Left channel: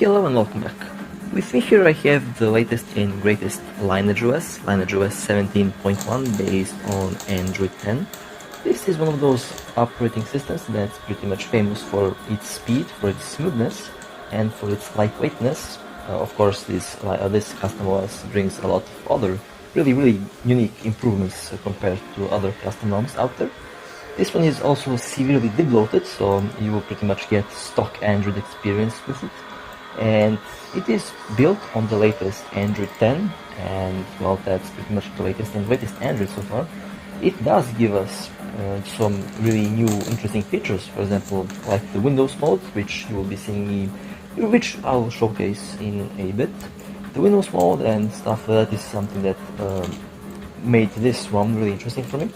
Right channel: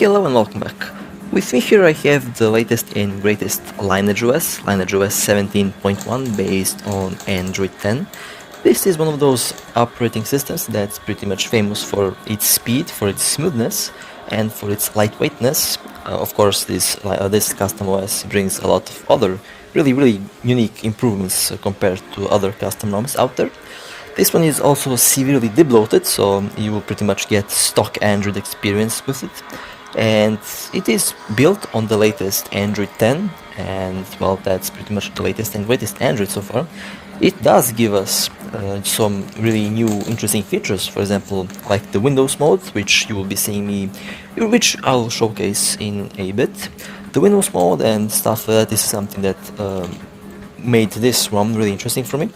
Hello and welcome back. With me here I have the latest and greatest LineageOS, LineageOS 17.1 based on Android 10. This is one of those operating systems that's pretty much famous for its speed, for its smoothness, and for its lightweightness. Of course, this custom OS brings a lot of other really unique improvements compared to other custom ROMs out there. This one is also severely debloated, so you will pretty much get stock Android experience with it. And it is built on the latest Android 10, and well, that's pretty much the latest and greatest Android so far. It does give us some really new interesting features, for example, like the Windows mode, which you will be seeing me, which I'll showcase in a bit. The Windows mode and stuff that is something that made this ROM really interesting for me.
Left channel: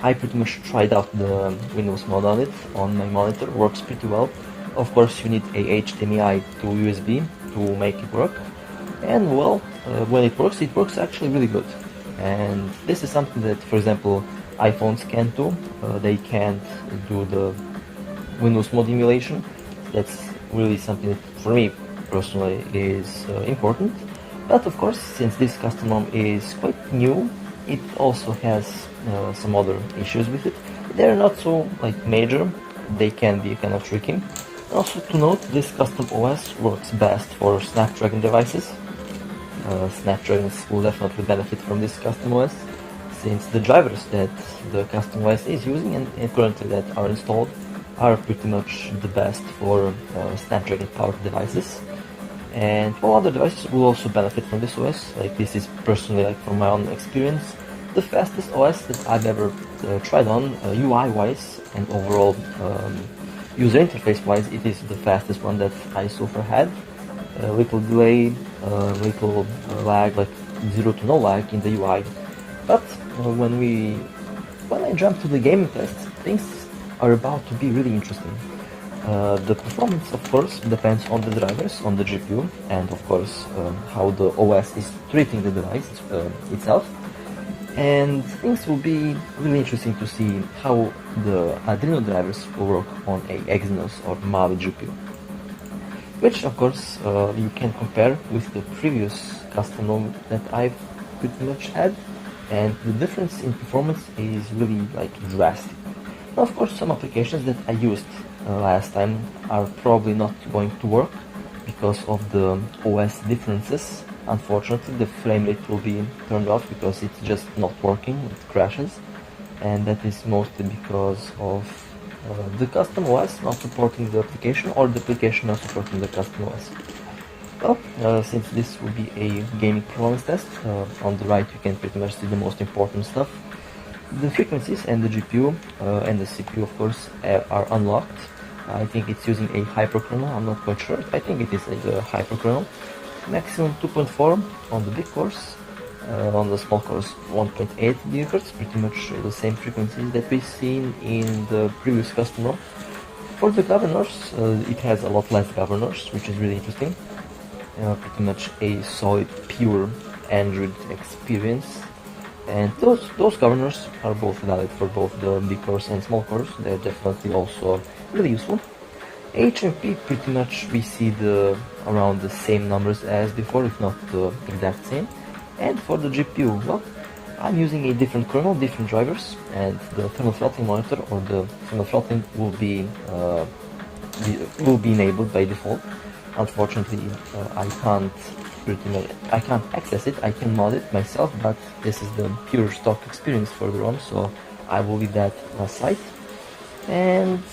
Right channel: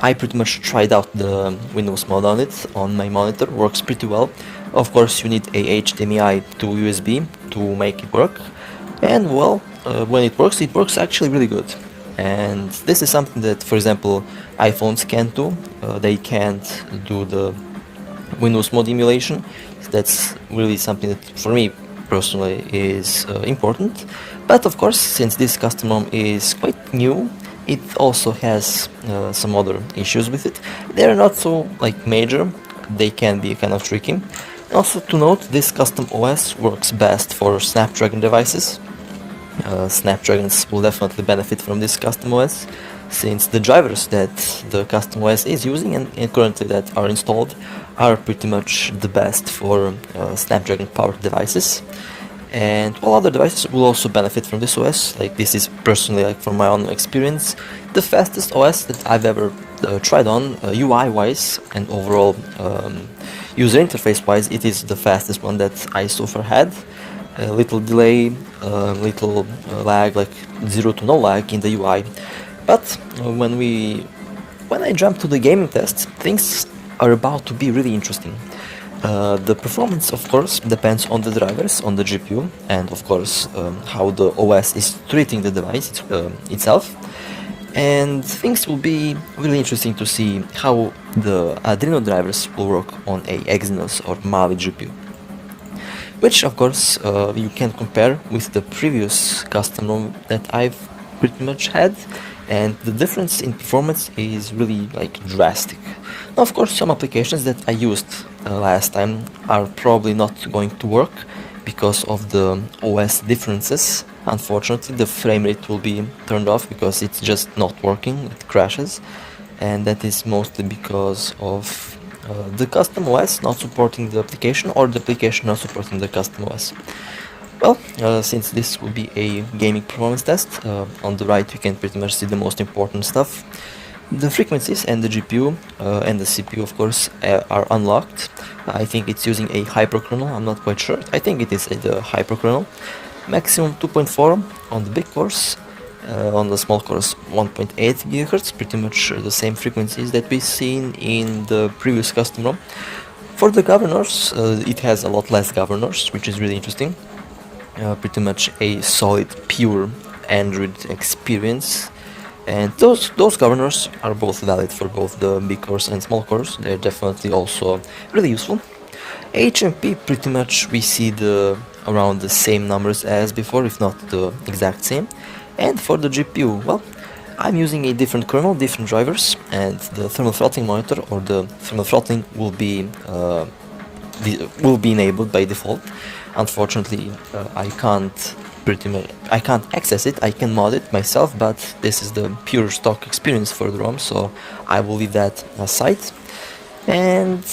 I pretty much tried out the Windows mode on it on my monitor, works pretty well. Of course, you need a HDMI to USB to make it work, and well, when it works actually really good. And this is something that, for example, iPhones can't do. They can't do the Windows mode emulation. That's really something that, for me personally, is important. But of course, since this custom ROM is quite new, it also has some other issues with it. They're not so major. They can be kind of tricky. Also to note, this custom OS works best for Snapdragon devices. Snapdragons will definitely benefit from this custom OS, since the drivers that the custom OS is using and currently that are installed are pretty much the best for Snapdragon powered devices. And while other devices will also benefit from this OS, like this is personally, from my own experience, the fastest OS that I've ever tried on, UI wise and overall user interface wise. It is the fastest one that I so far had. A little delay, little lag, like 0 to no lag in the UI. But when I jump to the gaming test, things are about to be really interesting. The performance, of course, depends on the drivers, on the GPU, and of course how the OS is treating the device itself. And things will be really interesting to see how the Adreno drivers will work on a Exynos or Mali GPU. Which, of course, you can compare with the previous custom ROM that I've pretty much had, and the difference in performance is really drastic. Now, of course, some applications that I used last time are probably not going to work because of the OS differences. Unfortunately, the frame rate will be turned off because it's just not working, it crashes, and that is mostly because of the custom OS not supporting the application, or the application not supporting the custom OS. Well, since this will be a gaming performance test, on the right you can pretty much see the most important stuff. The frequencies and the GPU and the CPU, of course, are unlocked. I think it's using a hyperkernel, I'm not quite sure. I think it is the hyperkernel. Maximum 2.4 on the big cores, on the small cores 1.8 GHz, pretty much the same frequencies that we've seen in the previous custom ROM. For the governors, it has a lot less governors, which is really interesting. Pretty much a solid, pure Android experience. And those governors are both valid for both the big cores and small cores. They're definitely also really useful. HMP, pretty much we see around the same numbers as before, if not the exact same. And for the GPU, well, I'm using a different kernel, different drivers, and the thermal throttling monitor, or the thermal throttling, will be enabled by default. Unfortunately, I can't access it. I can mod it myself, but this is the pure stock experience for the ROM, so I will leave that aside. And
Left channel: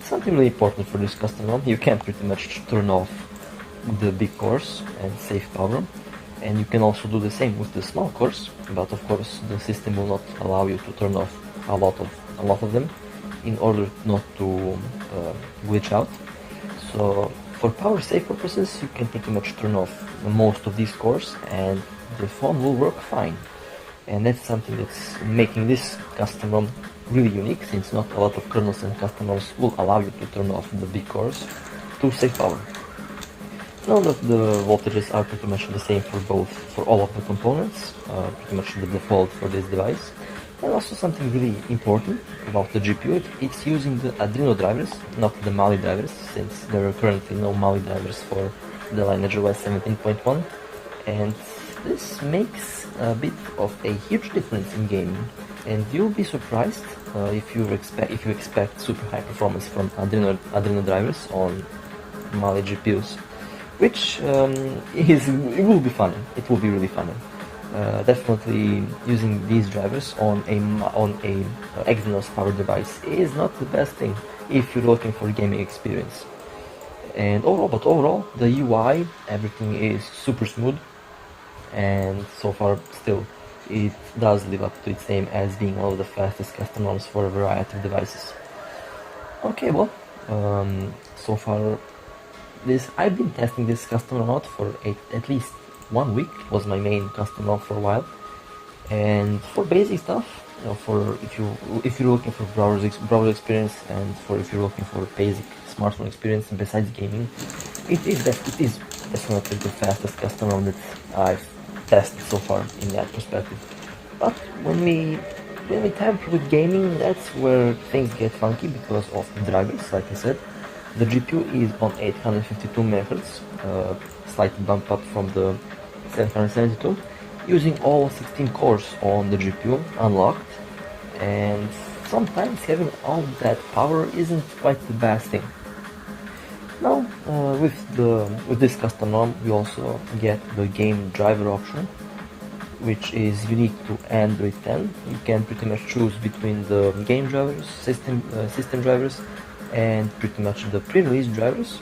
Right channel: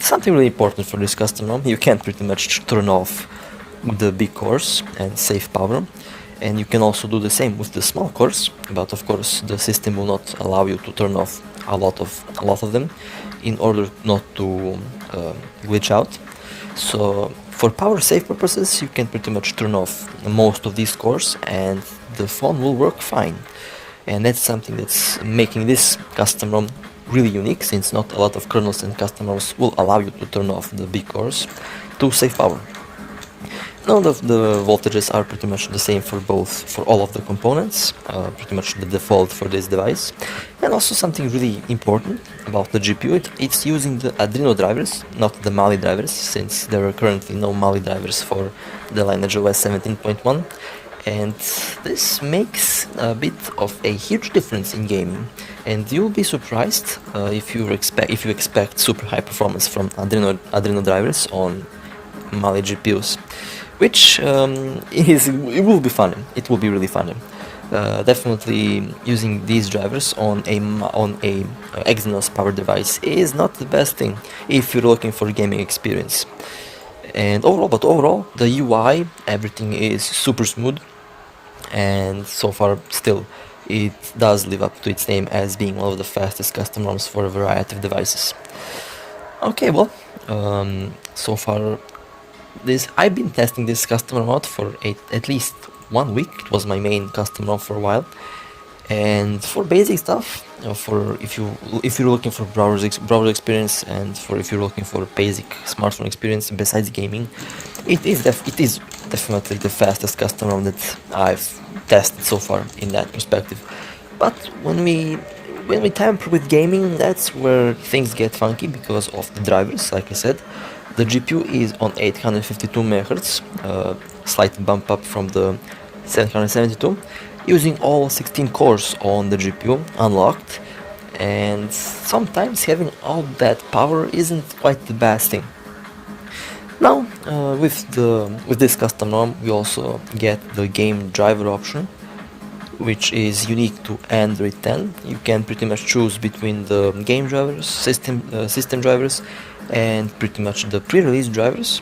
something really important for this custom ROM, you can pretty much turn off the big cores and save power, and you can also do the same with the small cores, but of course the system will not allow you to turn off a lot of them in order not to glitch out. So for power save purposes, you can pretty much turn off most of these cores and the phone will work fine. And that's something that's making this custom ROM really unique, since not a lot of kernels and custom ROMs will allow you to turn off the big cores to save power. Note that the voltages are pretty much the same for all of the components, pretty much the default for this device. And also something really important about the GPU, it's using the Adreno drivers, not the Mali drivers, since there are currently no Mali drivers for the LineageOS 17.1. And this makes a bit of a huge difference in gaming, and you'll be surprised if you expect super high performance from Adreno drivers on Mali GPUs, which it will be fun. It will be really fun. Definitely using these drivers on a Exynos powered device is not the best thing if you're looking for a gaming experience. And overall, the UI, everything is super smooth, and so far still it does live up to its name as being one of the fastest custom ROMs for a variety of devices. Okay, well, so far I've been testing this custom ROM out for at least 1 week. It was my main custom ROM for a while. And for basic stuff, for if you're looking for browser experience, and if you're looking for basic smartphone experience besides gaming, it is definitely the fastest custom ROM that I've tested so far in that perspective. But when we tamper with gaming, that's where things get funky because of the drivers. Like I said, the GPU is on 852 MHz, slight bump up from the 772. Using all 16 cores on the GPU unlocked, and sometimes having all that power isn't quite the best thing. Now, with this custom ROM, we also get the game driver option, which is unique to Android 10. You can pretty much choose between the game drivers, system drivers, and pretty much the pre-release drivers,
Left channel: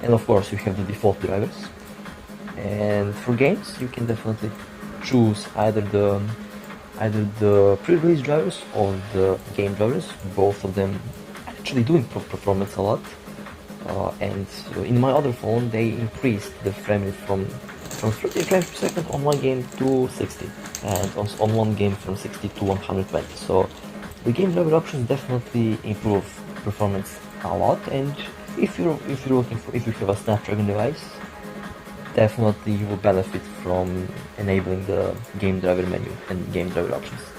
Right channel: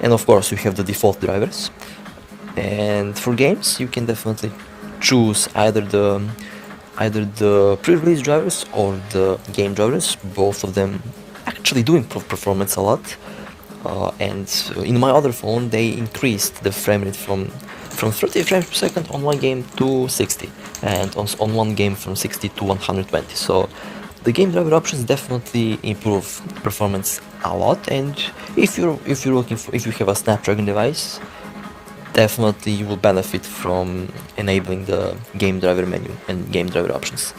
and of course you have the default drivers. And for games, you can definitely choose either the pre-release drivers or the game drivers. Both of them actually do improve performance a lot, and in my other phone they increased the frame rate from 30 frames per second on one game to 60, and on one game from 60 to 120. So the game driver options definitely improve performance a lot, and if you have a Snapdragon device, definitely you will benefit from enabling the game driver menu and game driver options.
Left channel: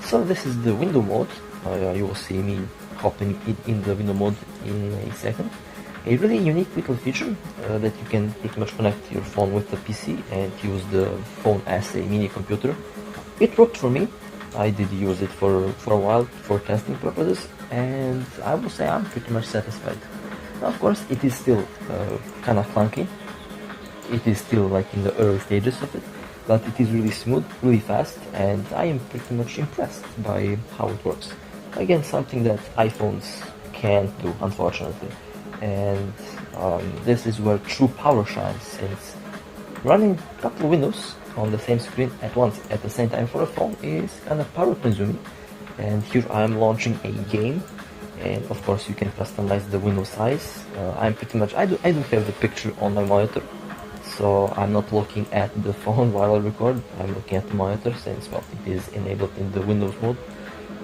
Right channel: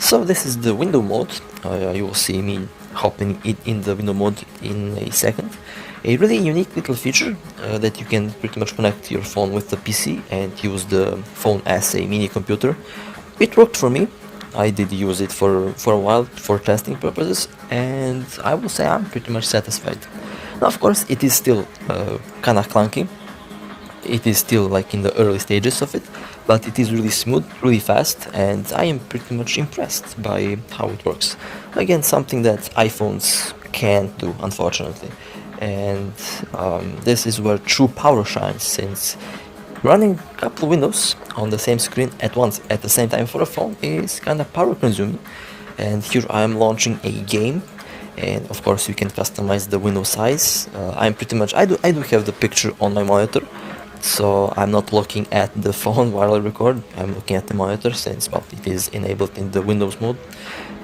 So this is the window mode. You will see me hopping in the window mode in a second. A really unique little feature that you can pretty much connect your phone with the PC and use the phone as a mini computer. It worked for me. I did use it for a while for testing purposes, and I will say I'm pretty much satisfied. Now, of course, it is still kinda clunky. It is still like in the early stages of it, but it is really smooth, really fast, and I am pretty much impressed by how it works. Again, something that iPhones can't do, unfortunately. And this is where true power shines, since running a couple of windows on the same screen at once at the same time for a phone is kind of power consuming. And here I am launching a game, and of course you can customize the window size. I do have the picture on my monitor, so I'm not looking at the phone while I record. I'm looking at the monitor, since it is enabled in the Windows mode.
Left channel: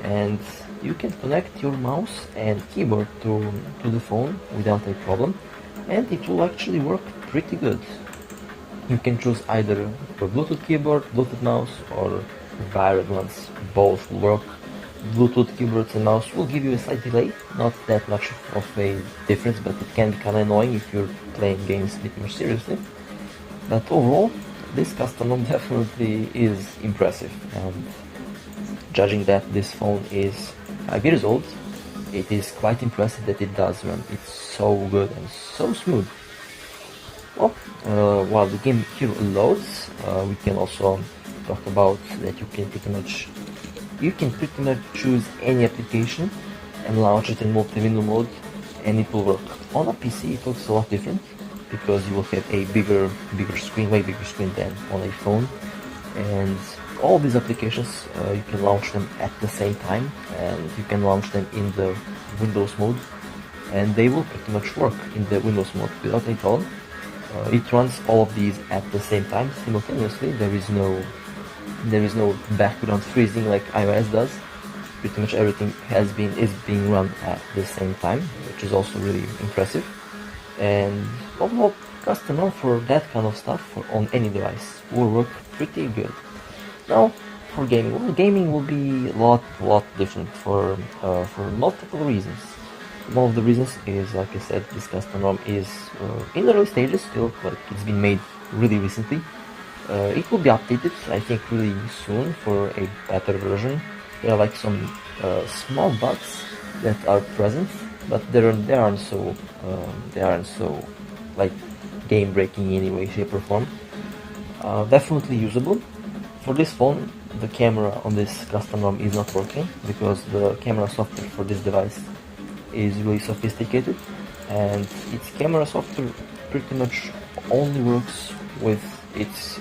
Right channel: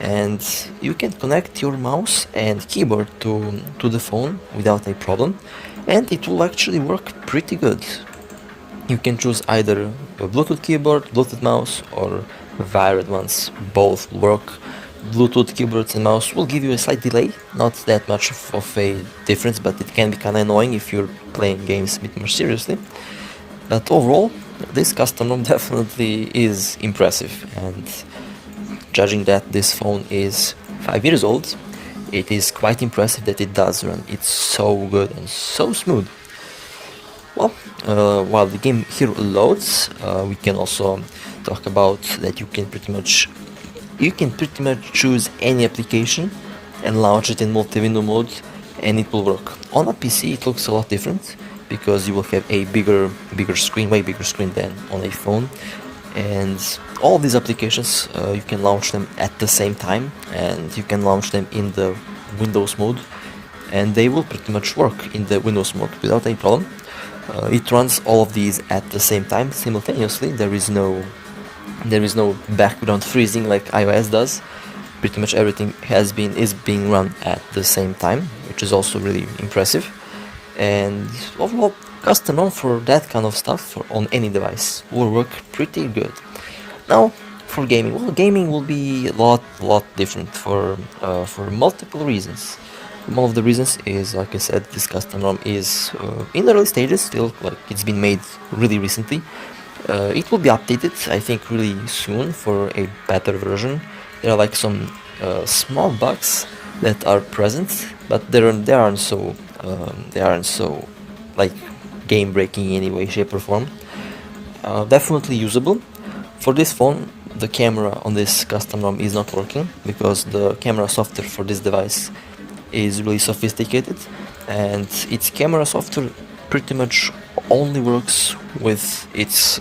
And you can connect your mouse and keyboard to the phone without a problem, and it will actually work pretty good. You can choose either a Bluetooth keyboard, Bluetooth mouse, or wired ones. Both work. Bluetooth keyboards and mouse will give you a slight delay, not that much of a difference, but it can be kind of annoying if you're playing games a bit more seriously. But overall, this custom ROM definitely is impressive, and judging that this phone is 5 years old, it is quite impressive that it does run. It's so good and so smooth. Well, while the game here loads, we can also talk about that you can pretty much choose any application and launch it in multi-window mode, and it will work. On a PC it looks a lot different, because you will have a bigger screen, way bigger screen than on a phone, and all of these applications you can launch them at the same time, and you can launch them in the Windows mode, and they will pretty much work in the Windows mode without any problem. It runs all of these at the same time simultaneously. There is no background freezing like iOS does. Pretty much everything is being run at the same time, which is also really impressive. And overall, custom ROM for that kind of stuff on any device will work pretty good. Now, for gaming, well, gaming will be a lot different for multiple reasons. One of the reasons is, like I said, this custom ROM is in the early stages still, like it's been made really recently. It will be updated, I think, really soon for a better version. There are like some small bugs that are present, but they aren't so like game breaking in any way, shape, or form. Definitely usable. For this phone, the camera on this custom ROM is not working because the camera software for this device is really sophisticated, and its camera software pretty much only works with its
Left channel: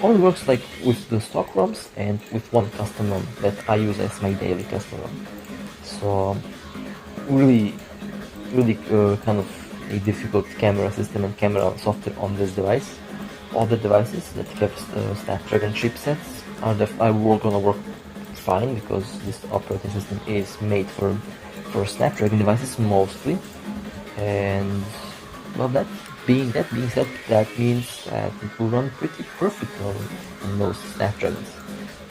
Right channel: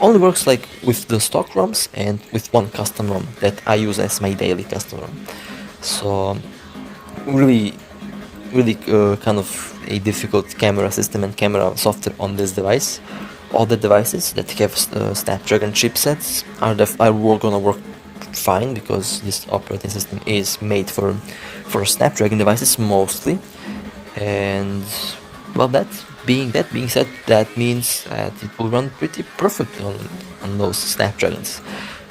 only works like with the stock ROMs and with one custom ROM that I use as my daily custom ROM. So really kind of a difficult camera system and camera software on this device. All the devices that have Snapdragon chipsets are gonna work fine because this operating system is made for Snapdragon devices mostly. And well, that being said, that means that it will run pretty perfect on those Snapdragons.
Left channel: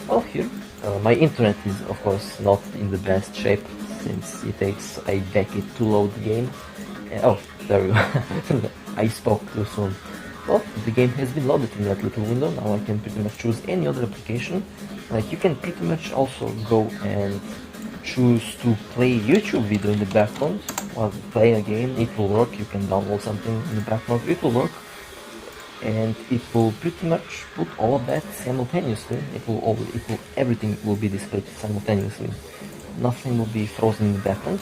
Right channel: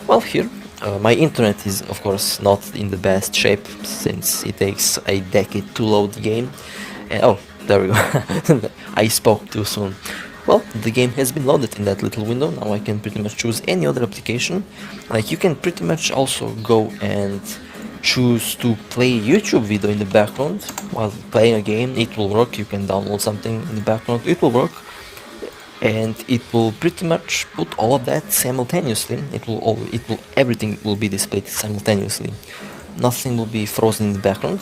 Well, here my internet is of course not in the best shape since it takes a decade to load the game. And, oh, there we go. I spoke too soon. Well, the game has been loaded in that little window. Now I can pretty much choose any other application. Like, you can pretty much also go and choose to play YouTube video in the background while playing a game. It will work. You can download something in the background. It will work, and it will pretty much put all of that simultaneously. Everything will be displayed simultaneously. Nothing will be frozen in the background,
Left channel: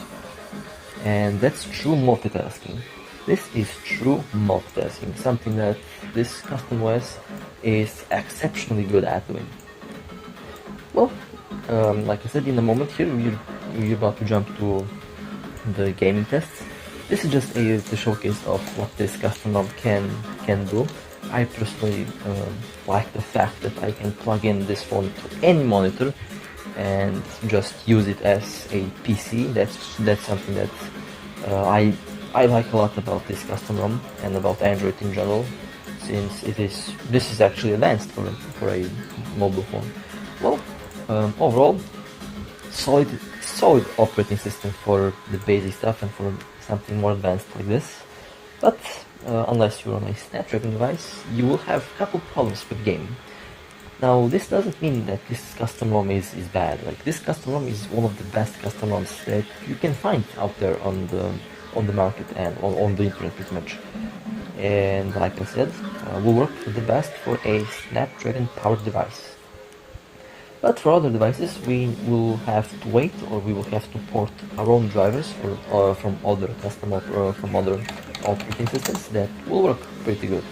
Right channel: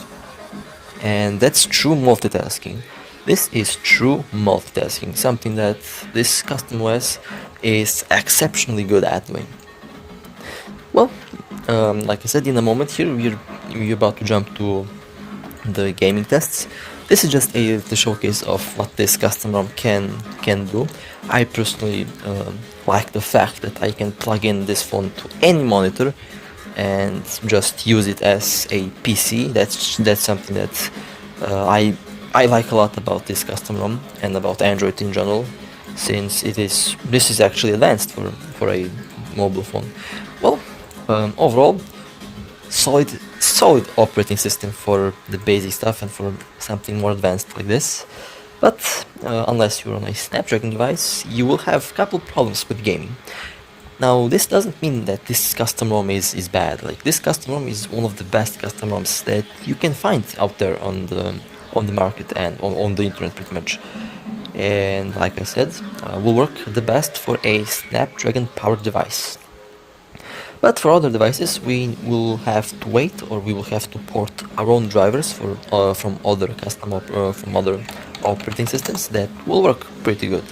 and that's true multitasking. This is true multitasking, something that this custom OS is exceptionally good at doing. Well, like I said, in a moment here, we're about to jump to the gaming tests. This is just the showcase of what this custom ROM can do. I personally like the fact that I can plug in this phone to any monitor and just use it as a PC. That's something that I like a lot about this custom ROM and about Android in general, since this is actually advanced for a mobile phone. Well, overall, solid operating system for the basic stuff and for something more advanced like this. But unless you're on a Snapdragon device, you will have a couple problems with gaming. Now, this doesn't mean that this custom ROM is bad. Like, this custom ROM is one of the best custom ROMs that you can find out there on the market and on the internet pretty much. And like I said, will work the best for a Snapdragon powered device. But for other devices, we will have to wait, or we will have to port our own drivers from other from other operating systems that will work pretty good.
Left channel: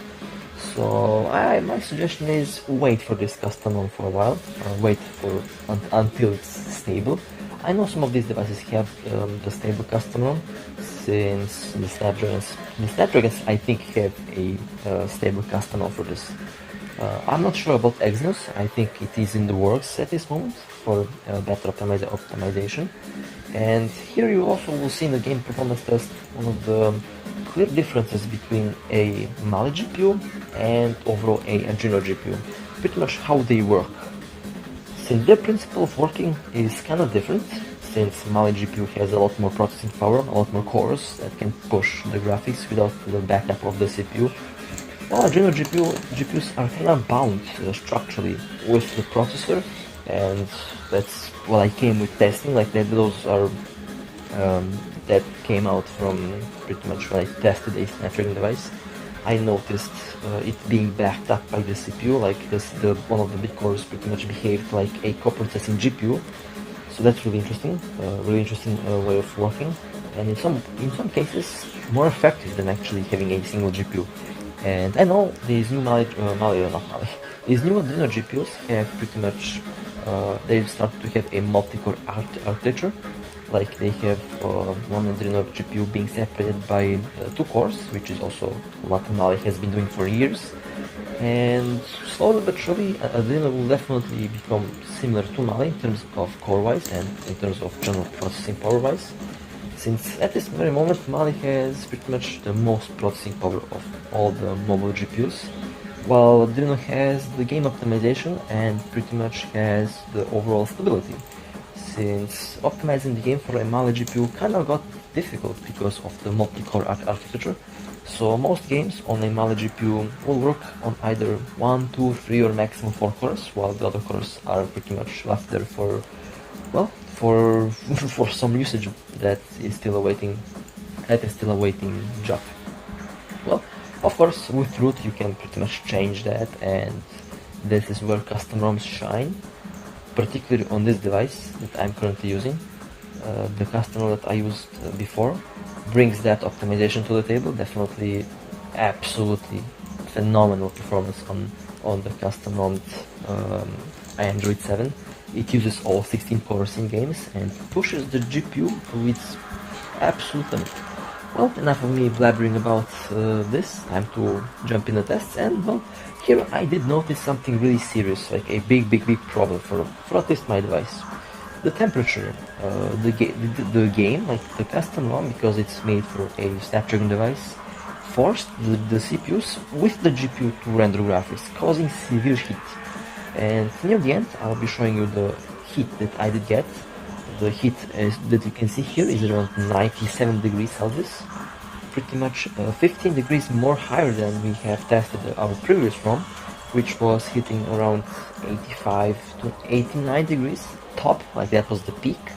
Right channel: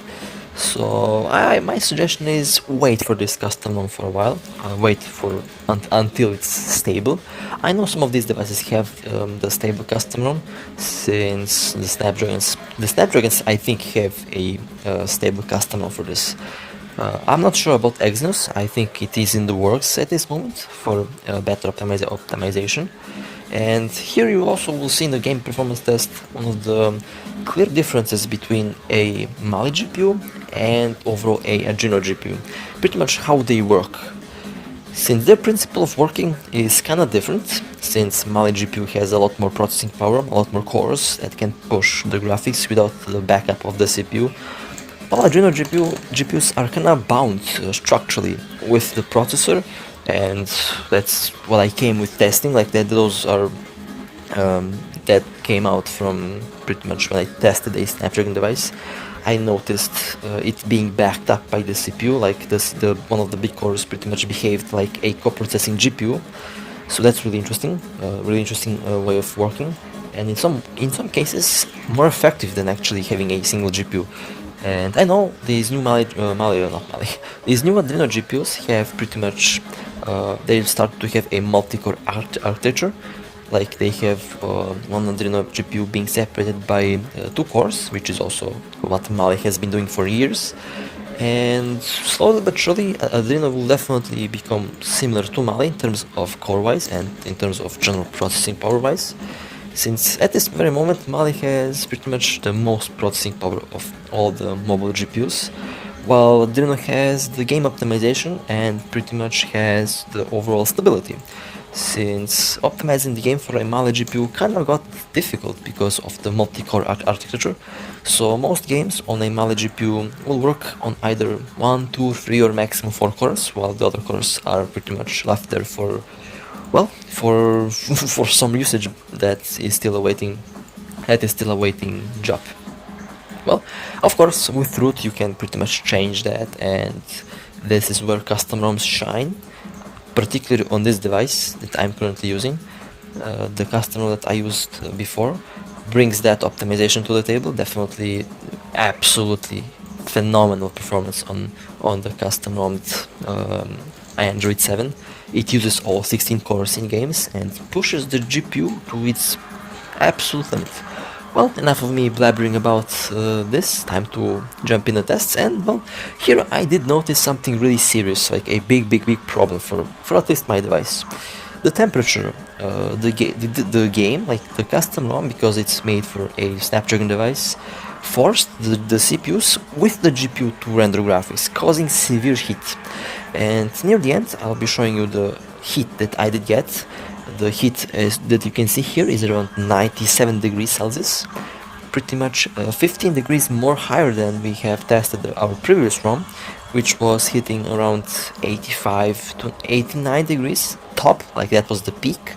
So my suggestion is wait for this custom ROM for a while. Wait for until it's stable. I know some of these devices have the stable custom ROM, since the Snapdragons I think have a stable custom ROM for this. I'm not sure about Exynos. I think it is in the works at this moment for better optimization. And here you also will see in the game performance test one of the clear differences between a Mali GPU and overall a Exynos GPU. Pretty much how they work. Since their principle of working is kinda different, since Mali GPU has a lot more processing power, a lot more cores that can push the graphics without the backup of the CPU. While Exynos GPUs are kinda bound structurally with the processor, and that's what I came with testing, like that. Those are that came out from pretty much when I tested a Snapdragon device. I noticed it being backed up by the CPU, like one of the big cores pretty much behaved like a co-processing GPU. So that's really interesting way of working, and in some cases more effective than actually having a single GPU. And I know these new these new Adreno GPUs have pretty much they've started to have a multi-core architecture. Like, they have one Adreno GPU being separated by 2 cores, which is also what Mali has been doing for years. And slowly but surely, Adreno will definitely become similar to Mali in terms of core-wise and in terms of general processing power-wise. since at this very moment Mali has pretty much the most processing power of all the mobile GPUs, while Adreno has the game optimization and pretty much has the overall stability. Since optimizing the game for a Mali GPU kinda got difficult because of the multi-core architecture, so most games on a Mali GPU will work on either 1, 2, 3 or maximum 4 cores, while the other cores are pretty much left there for, well, for for some usage that is still awaiting job. Well, of course, with root you can pretty much change that, and this is where custom ROMs shine, particularly on this device that I'm currently using. The custom ROM that I used before brings that optimization to the table. Definitely, absolutely phenomenal performance on the custom ROM Android 7. It uses all 16 cores in games and pushes the GPU to its absolute limit. Well, enough of me blabbering about this, time to jump in the tests, and well, here I did notice something really serious, like a big problem for at least my device. The temperature, the game, like the custom ROM, because it's made for a Snapdragon device, forced the CPUs with the GPU to render graphics, causing severe heat. And near the end, I'll be showing you the heat that I did get. The heat that you can see here is around 97 degrees Celsius, pretty much 15 degrees more higher than we have tested our previous ROM, which was hitting around 85 to 89 degrees top, like that was the peak.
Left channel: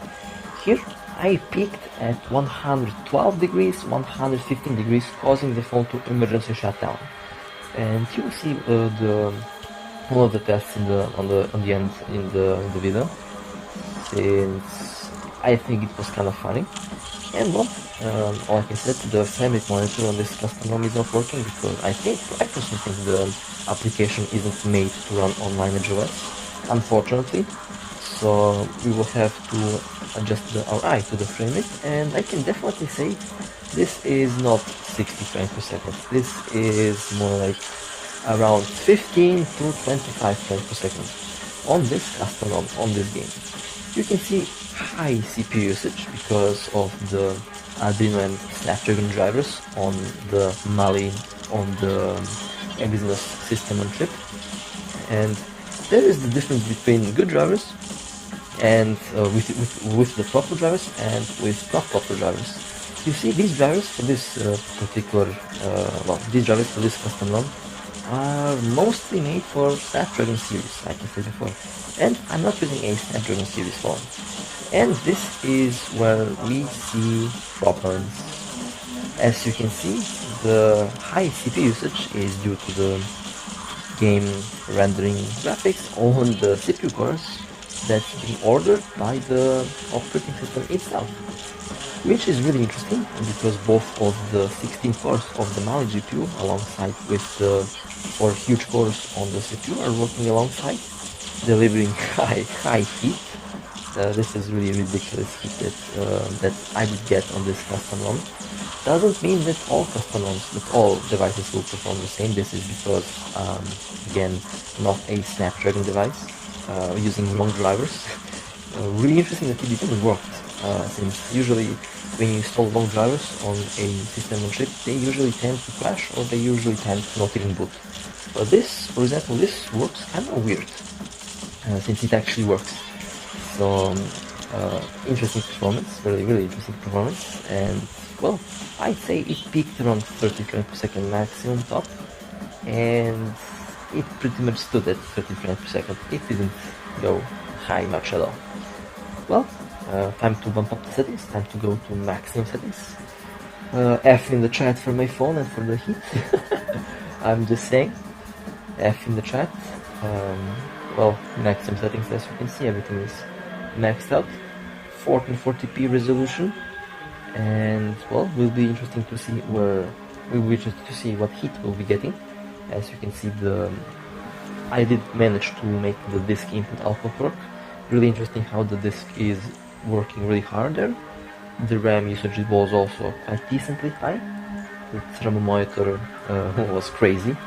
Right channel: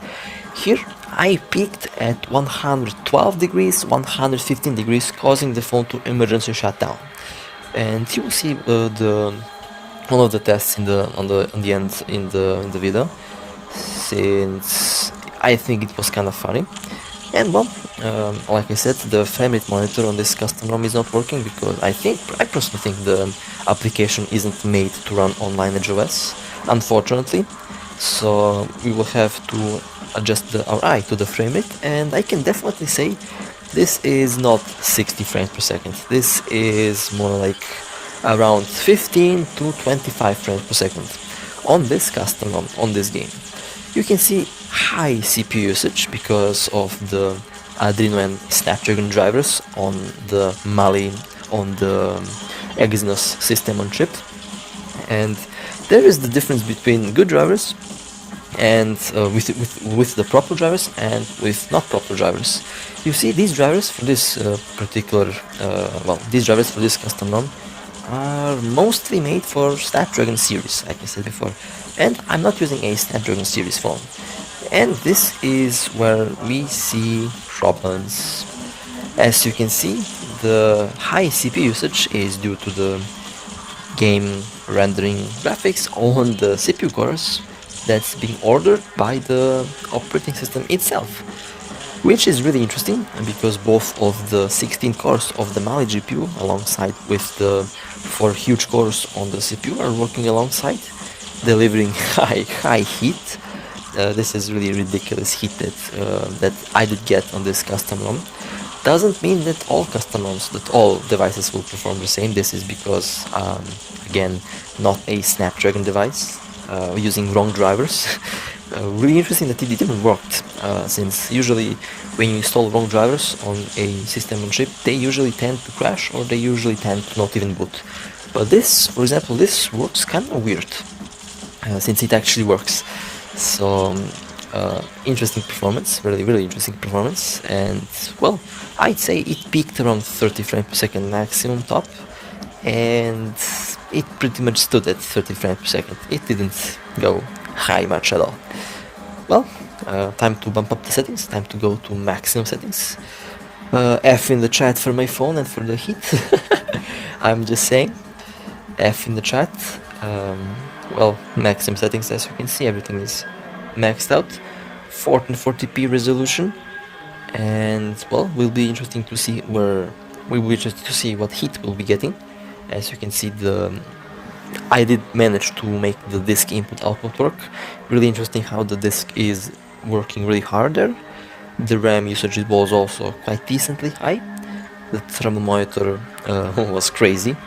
Here I peaked at 112 degrees, 115 degrees, causing the phone to emergency shut down. And you will see one of the tests on the end in the video, since I think it was kind of funny. And well, like I said, the frame rate monitor on this custom ROM is not working because I personally think the application isn't made to run on LineageOS, unfortunately. So we will have to adjust our eye to the frame rate, and I can definitely say this is not 60 frames per second. This is more like around 15 to 25 frames per second on this custom ROM, on this game. You can see high CPU usage because of the Adreno and Snapdragon drivers on the Mali, on the Exynos system on chip. And there is the difference between good drivers and with the proper drivers and with not proper drivers. You see, these drivers for this these drivers for this custom ROM are mostly made for Snapdragon series, like I said before, and I'm not using a Snapdragon series phone. And this is where we see problems. As you can see, the high CPU usage is due to the game rendering graphics on the CPU cores that's being ordered by the operating system itself, which is really interesting because both of the 16 cores of the Mali GPU alongside with the 4 huge cores on the CPU are working alongside, delivering high heat. This is really ridiculous heat that I did get on this custom ROM. Doesn't mean that all custom ROMs, that all devices will perform the same. This is because, again, not a Snapdragon device, using wrong drivers. Really interesting that it didn't work, since usually when you install wrong drivers on a system on chip, they usually tend to crash or they usually tend to not even boot. But this, for example, this works kind of weird, since it actually works. So interesting performance, really interesting performance. And well, I'd say it peaked around 30 frames per second maximum top, and it pretty much stood at 30 frames per second. It didn't go high much at all. Well, time to bump up the settings, time to go to maximum settings. F in the chat for my phone and for the heat. I'm just saying, F in the chat. Well, maximum settings, as you can see, everything is maxed out. 1440p resolution, and well, will be interesting to see what heat we'll be getting. As you can see, I did manage to make the disk input output work. Really interesting how the disk is working really hard there. The RAM usage was also quite decently high. The thermal monitor was crazy.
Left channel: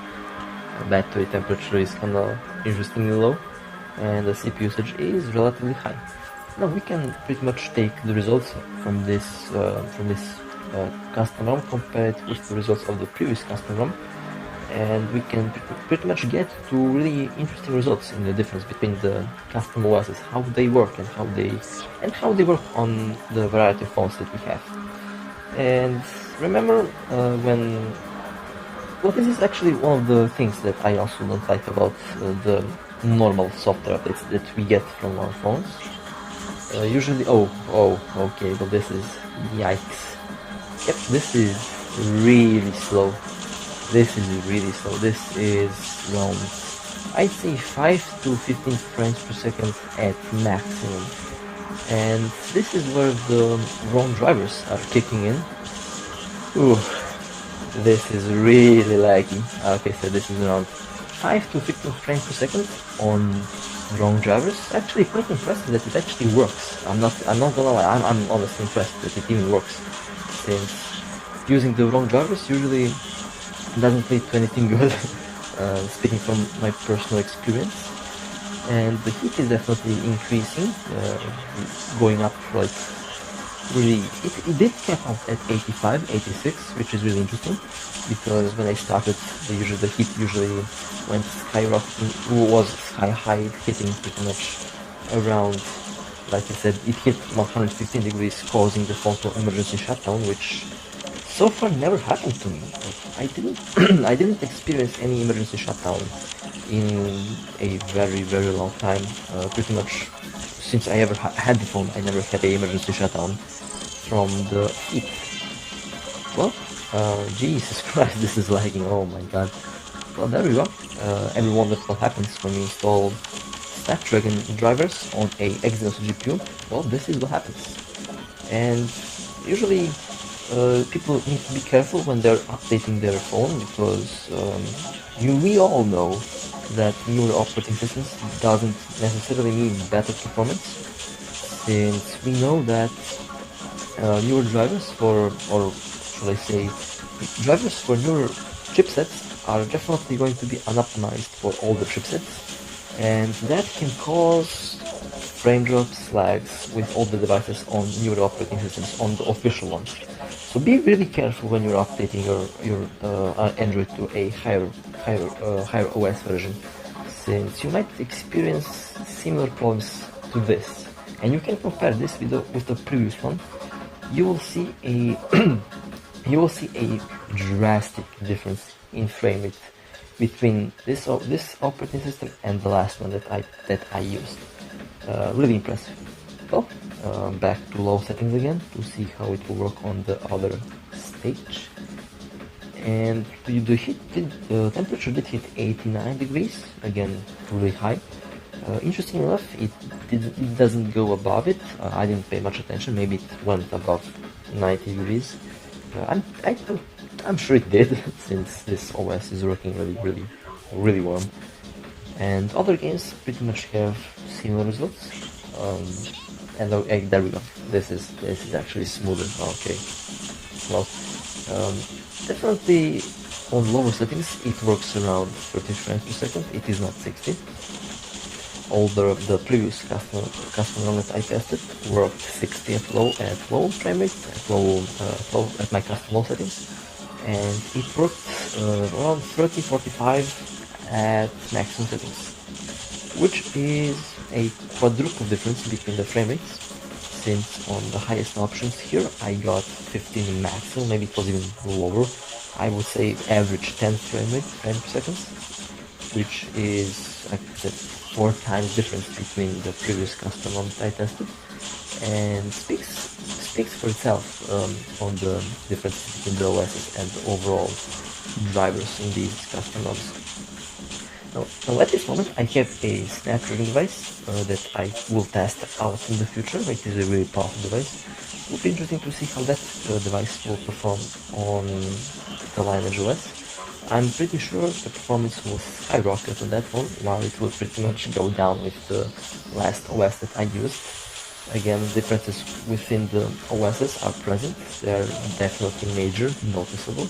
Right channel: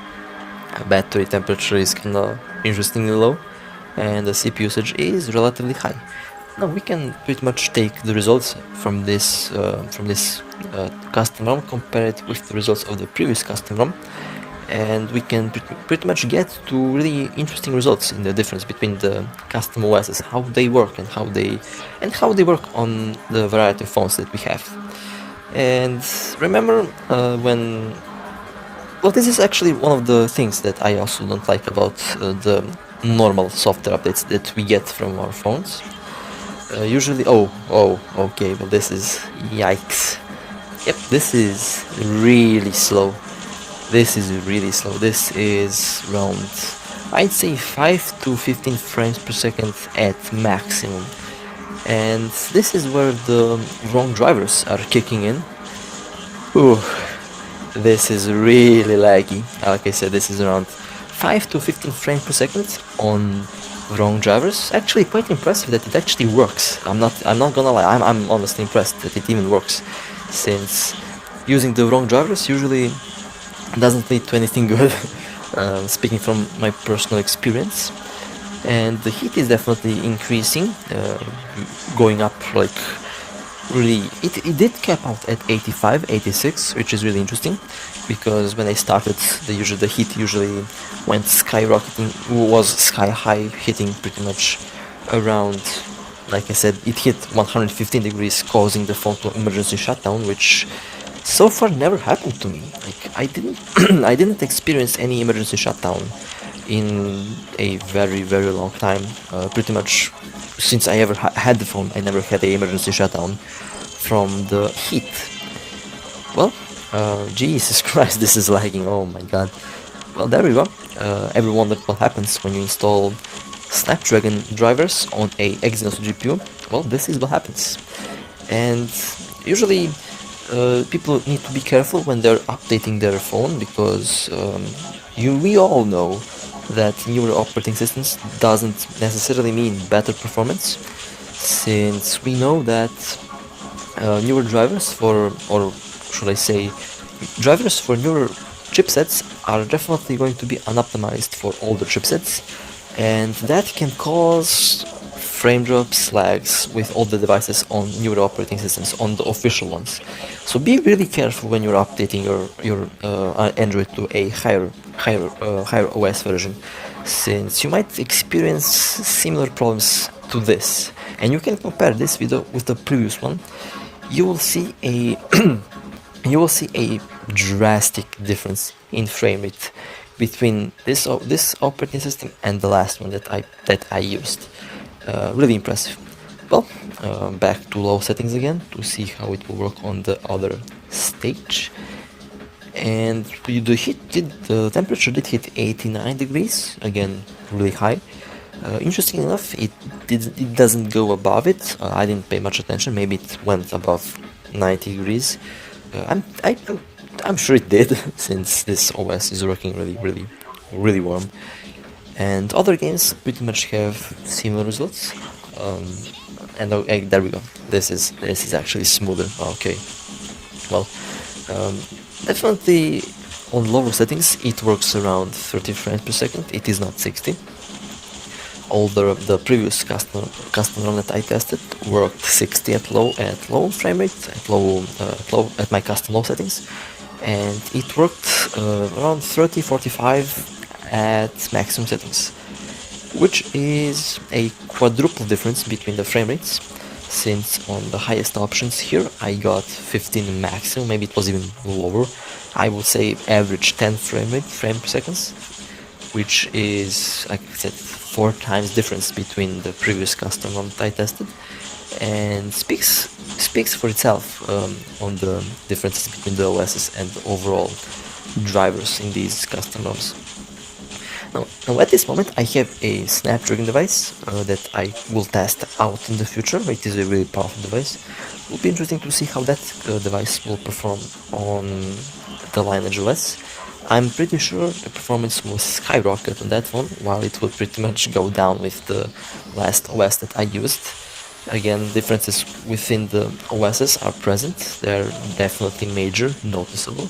Battery temperature is kinda interestingly low, and the CPU usage is relatively high. Now we can pretty much take the results from this custom ROM, compare it with the results of the previous custom ROM, and we can pretty much get to really interesting results in the difference between the custom OSs, how they work and how they work on the variety of phones that we have. And remember this is actually one of the things that I also don't like about the normal software updates that we get from our phones. Usually, okay, but this is, yikes. Yep, this is really slow. This is around, I'd say 5 to 15 frames per second at maximum. And this is where the wrong drivers are kicking in. Ooh, this is really laggy. Like I said, this is around 5 to 15 frames per second on wrong drivers. Actually quite impressive that it actually works. I'm not gonna lie, I'm honestly impressed that it even works, since using the wrong drivers usually doesn't lead to anything good. Speaking from my personal experience. And the heat is definitely increasing, going up like really, it did cap out at 85, 86, which is really interesting, because when I started, the heat usually went skyrocketing, was sky high, hitting pretty much around, like I said, it hit 115 degrees, causing the phone to emergency shutdown, which so far never happened to me. Like, I didn't I didn't experience any emergency shutdown in a very long time. Pretty much since I ever had the phone, I never had a emergency shutdown from the heat. Well, Jesus Christ, this is lagging, oh my god. Well, there we go. Everyone wondered what happens when you install Snapdragon drivers on a Exynos GPU. Well, this is what happens. And usually people need to be careful when they're updating their phone, because we all know that newer operating systems doesn't necessarily mean better performance, since we know that newer drivers or should I say, drivers for newer chipsets are definitely going to be unoptimized for older chipsets, and that can cause frame drops, lags with all the devices on newer operating systems, on the official ones. So be really careful when you're updating your Android to a higher OS version, since you might experience similar problems to this. And you can compare this with the previous one. You will see a drastic difference in frame rate between this operating system and the last one that I used. Really impressive. Well, back to low settings again to see how it will work on the other stage. And the temperature did hit 89 degrees, again really high. Interesting enough, it doesn't go above it. I didn't pay much attention. Maybe it went above 90 degrees. I'm sure it did, since this OS is working really warm. And other games pretty much have similar results. And there we go. This is actually smoother. Okay. Well, definitely on lower settings it works around 30 frames per second. It is not 60. Although the previous custom ROM that I tested worked 60 at low frame rate, at my custom low settings, and it worked around 30-45 at maximum settings, which is a quadruple difference between the frame rates, since on the highest options here I got 15 maximum, maybe it was even lower. I would say average 10 frame per second, which is, like I said, 4 times difference between the previous custom ROM that I tested, and speaks for itself on the differences between the OSs and the overall drivers in these custom ROMs. Now at this moment I have a Snapdragon device that I will test out in the future. It is a really powerful device. It will be interesting to see how that device will perform on the LineageOS. I'm pretty sure the performance will skyrocket on that one, while it will pretty much go down with the last OS that I used. Again, differences within the OSs are present. They're definitely major, noticeable,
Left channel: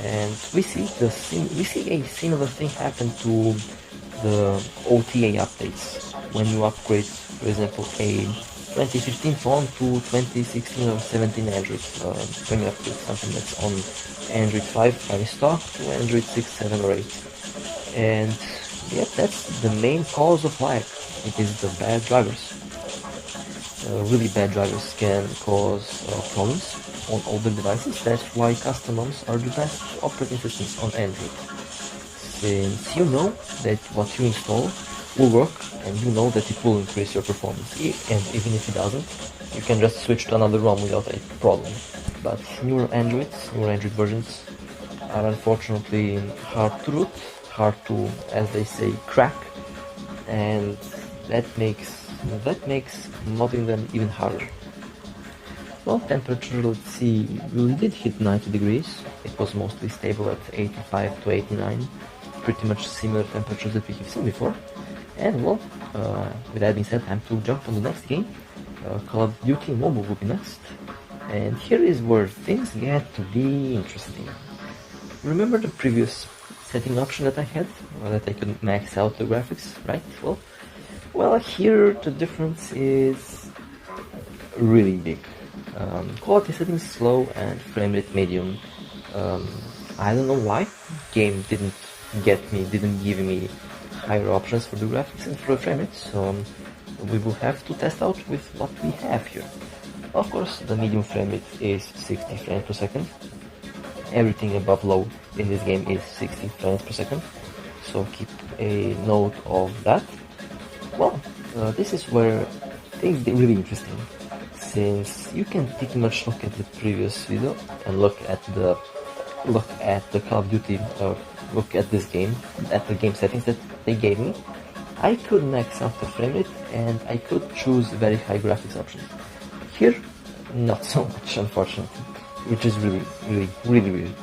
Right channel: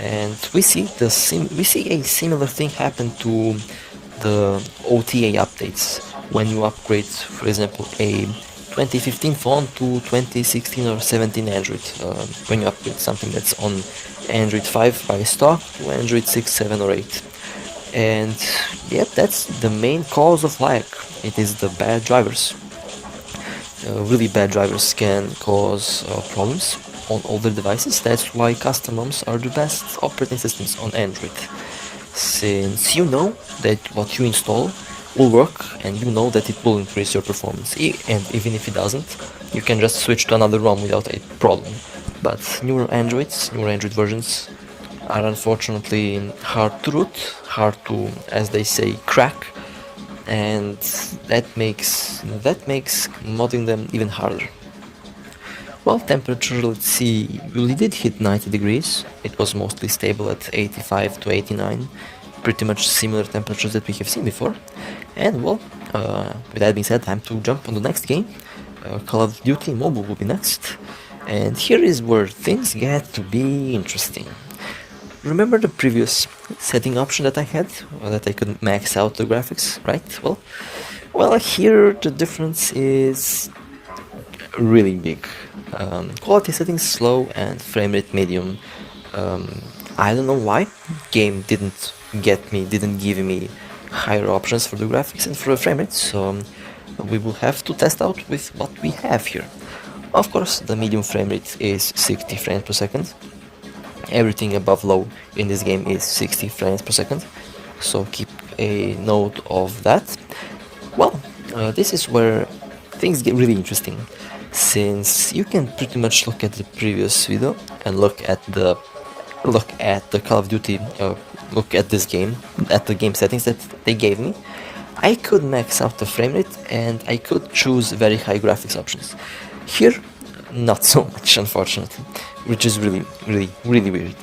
and we see a similar thing happen to the OTA updates when you upgrade, for example, a 2015 phone to 2016 or 17 Android. When you upgrade something that's on Android 5 by stock to Android 6, 7 or 8. And yeah, that's the main cause of lag. It is the bad drivers. Really bad drivers can cause problems on older devices. That's why custom ROMs are the best operating systems on Android. Since you know that what you install will work and you know that it will increase your performance. And even if it doesn't, you can just switch to another ROM without a problem. But newer Android versions are unfortunately hard to root, hard to, as they say, crack, and that makes modding them even harder. Well, temperature, let's see, really did hit 90 degrees. It was mostly stable at 85 to 89, pretty much similar temperatures that we have seen before. And well, with that being said, time to jump on the next game. Call of Duty Mobile will be next. And here is where things get to be interesting. Remember the previous setting option that I had, that I could max out the graphics, right? Well, here the difference is really big. Quality settings slow and frame rate medium. I don't know why. Game didn't give me higher options for the graphics and for the frame rate, so we will have to test out with what we have here. Of course, the medium frame rate is 60 frames per second. Everything above low in this game is 60 frames per second, so keep a note of that. Well, this is where things get really interesting, since you can pretty much look at the previous video and look at the Call of Duty, look at this game, at the game settings that they gave me. I could max out the frame rate and I could choose very high graphics options. Here, not so much, unfortunately, which is really weird.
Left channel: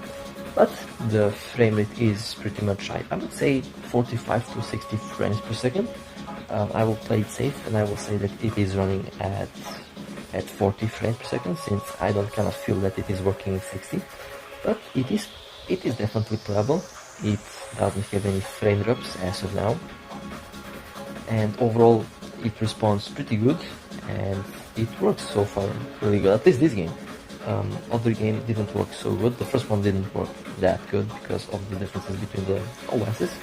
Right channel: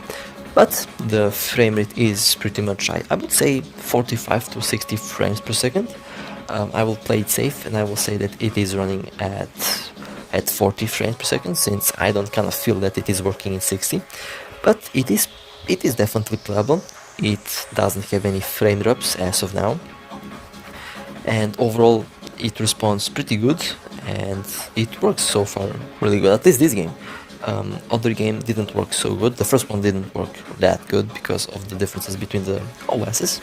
But the frame rate is pretty much high. I would say 45 to 60 frames per second. I will play it safe and I will say that it is running at 40 frames per second, since I don't kind of feel that it is working in 60. But it is definitely playable. It doesn't have any frame drops as of now. And overall, it responds pretty good and it works so far really good, at least this game. Other game didn't work so good. The first one didn't work that good because of the differences between the OSs.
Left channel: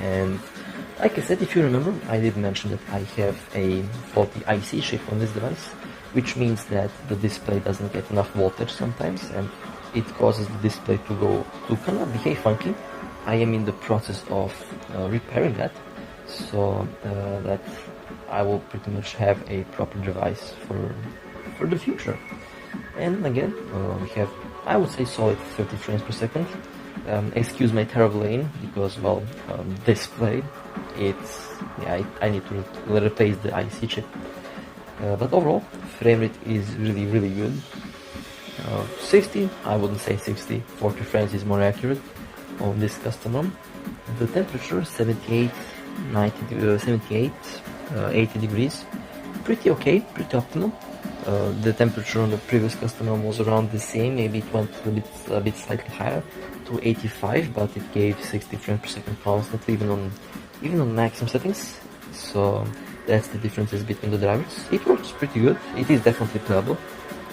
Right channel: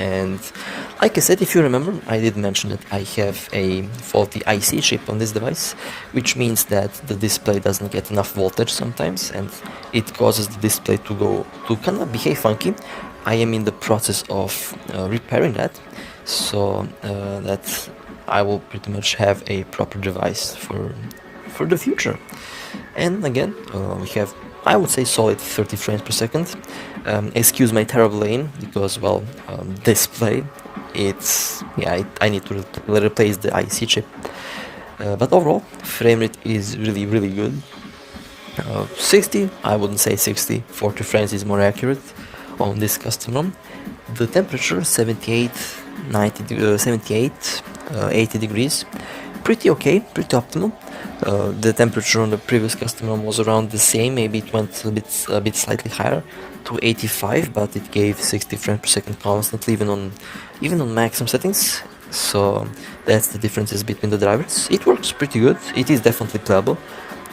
And like I said, if you remember, I did mention that I have a faulty IC chip on this device, which means that the display doesn't get enough voltage sometimes and it causes the display to kind of behave funky. I am in the process of repairing that, so that I will pretty much have a proper device for the future. And again, we have, I would say, solid 30 frames per second. Excuse my terrible aim, because, well, display, I need to replace the IC chip. But overall, frame rate is really good. 60, I wouldn't say 60, 40 frames is more accurate on this custom ROM. The temperature, 78, 80 degrees, pretty okay, pretty optimal. The temperature on the previous custom ROM was around the same, maybe it went a bit slightly higher to 85, but it gave 60 frames per second constantly, even on maximum settings. So that's the differences between the drivers. It works pretty good. It is definitely playable.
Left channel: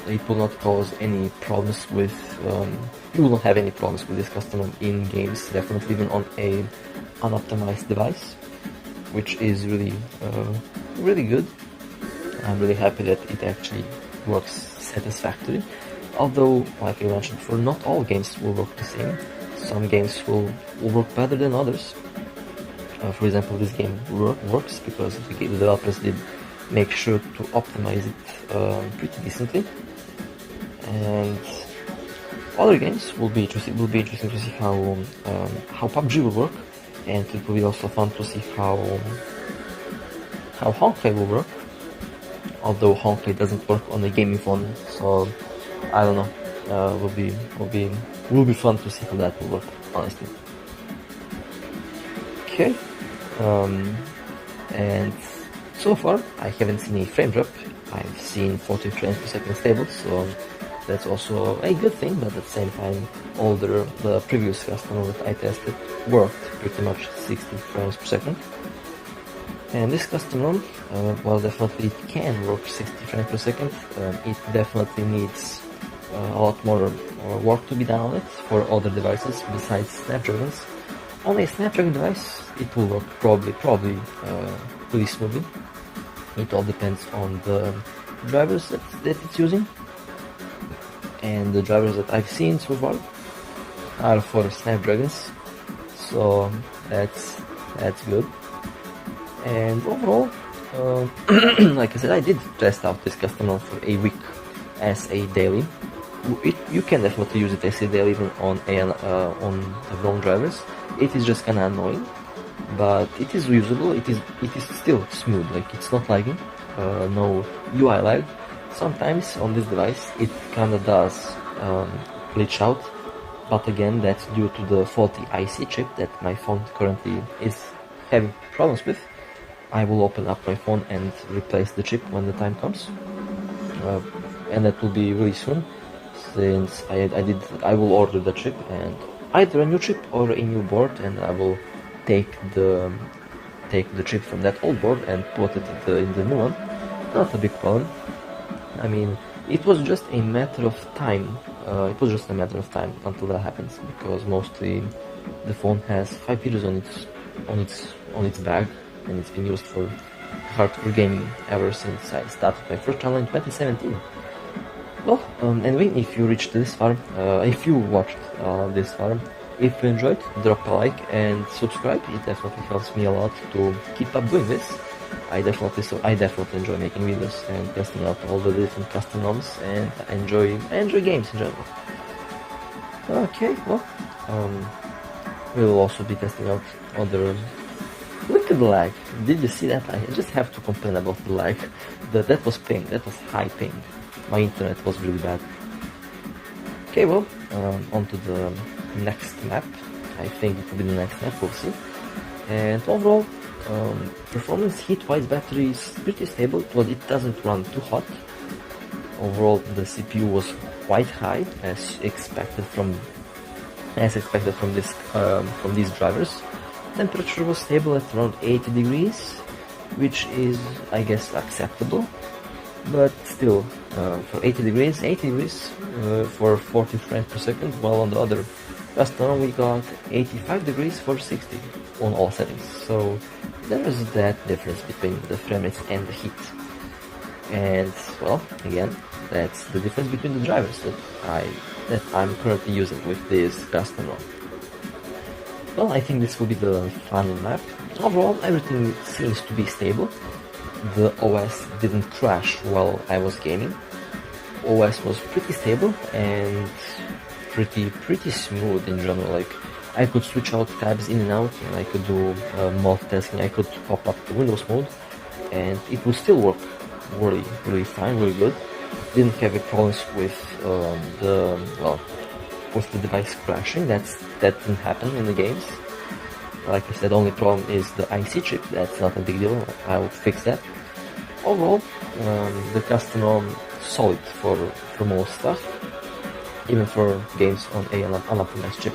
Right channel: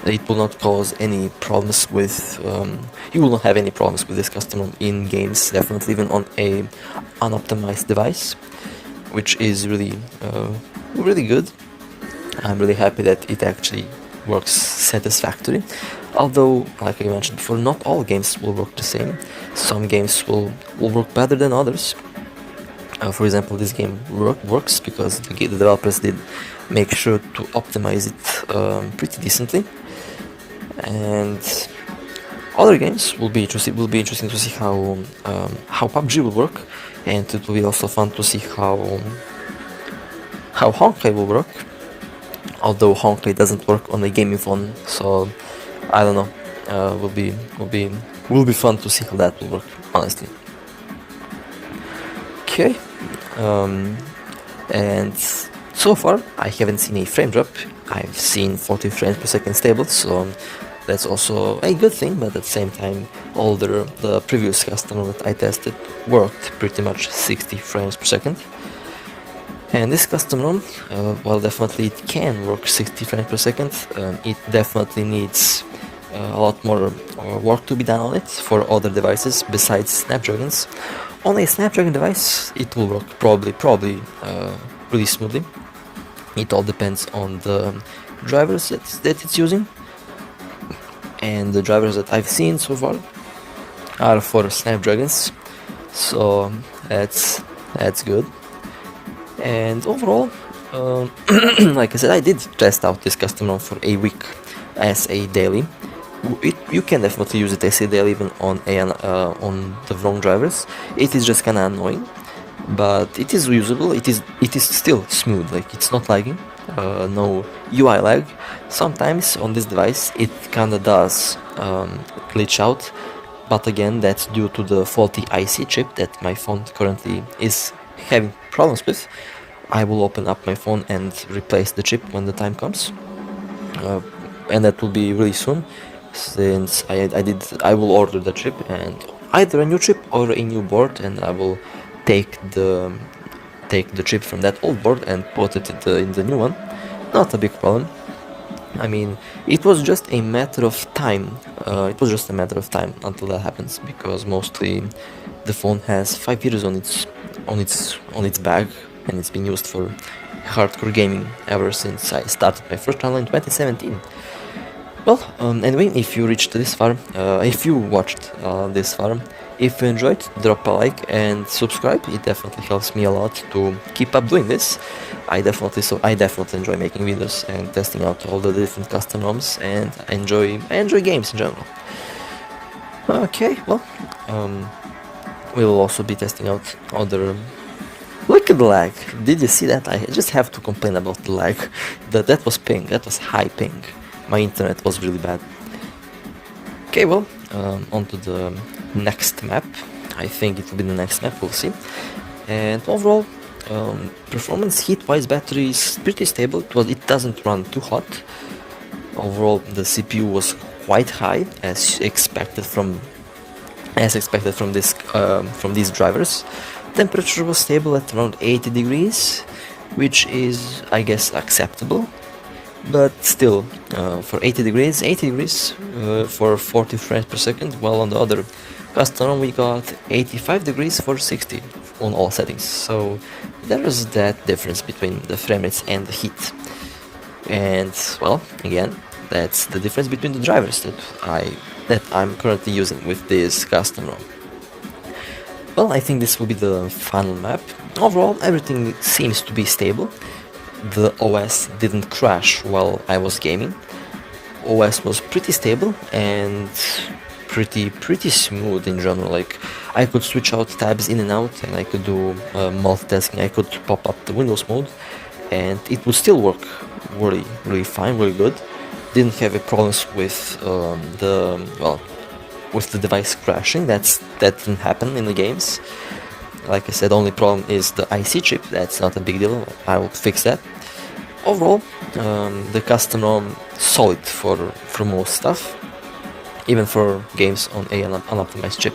It will not cause any problems with, you will not have any problems with this custom ROM in games, definitely even on a unoptimized device, which is really good. I'm really happy that it actually works satisfactorily. Although, like I mentioned before, not all games will work the same. Some games will work better than others. For example, this game works because the developers did make sure to optimize it pretty decently. And other games will be interesting to see how PUBG will work, and it will be also fun to see how Honkai will work. Although Honkai doesn't work on a gaming phone, so I don't know. Will be fun to see how that will work, honestly. Okay, and so far I haven't seen a frame drop. I've seen 40 frames per second stable, so that's also a good thing. But at the same time, all the previous customer that I tested worked pretty much 60 frames per second. And this custom ROM, well, definitely it can work 60 frames per second. It definitely needs a lot more work to be done on it for other devices besides Snapdragons. On a Snapdragon device, it will work probably really smoothly. It all depends on the drivers that it's using, and the drivers that I've seen so far are for Snapdragons, so that's good. And overall, like I said, I did test out this custom ROM for a week as a daily. You can definitely use it as a daily even on the wrong drivers. It is just kinda annoying, but it is usable. It is still smooth. Like, it's not lagging. No UI lag. Sometimes on this device it kinda does glitch out, but again, that's due to the faulty IC chip that my phone currently is having problems with. I will open up my phone and replace the chip when the time comes, and that will be really soon, since I will order the chip, and either a new chip or a new board, and I will take the chip from that old board and put it in the new one. Not a big problem. I mean, it was just a matter of time. Until that happens, because mostly the phone has 5 years on its bag, and it's been used for hardcore gaming ever since I started my first channel in 2017. Well, anyway, if you reached this far, if you watched this far, if you enjoyed, drop a like and subscribe. It definitely helps me a lot to keep up doing this. I definitely enjoy making videos and testing out all the different custom ROMs, and I enjoy games in general. Okay, well, we will also be testing out other. Look at the lag. Did you see that? I just have to complain about the lag. That was ping. That was high ping. My internet was really bad. Okay, well, on to the next map. I think it will be the next map, we'll see. And overall, performance heat-wise, battery is pretty stable, but it doesn't run too hot. Overall, the CPU was quite high, as expected from these drivers. Temperature was stable at around 80 degrees, which is, I guess, acceptable. But still, for 80 degrees for 40 frames per second, while on the other custom we got 85 degrees for 60 on all settings. So there is that difference between the frame rates and the heat. And well, again, that's the difference between the drivers that I'm currently using with this custom ROM. Well, I think this will be the final map. Overall, everything seems to be stable. The OS didn't crash while I was gaming. OS was pretty stable and pretty smooth in general. Like, I could switch out tabs in and out, and I could do multitasking. I could pop up the Windows mode, and it would still work really fine, really good. Didn't have any problems with with the device crashing. That didn't happen in the games. Like I said, only problem is the IC chip. That's not a big deal. I will fix that. Overall, the custom ROM solid for most stuff, even for games on an unoptimized chip.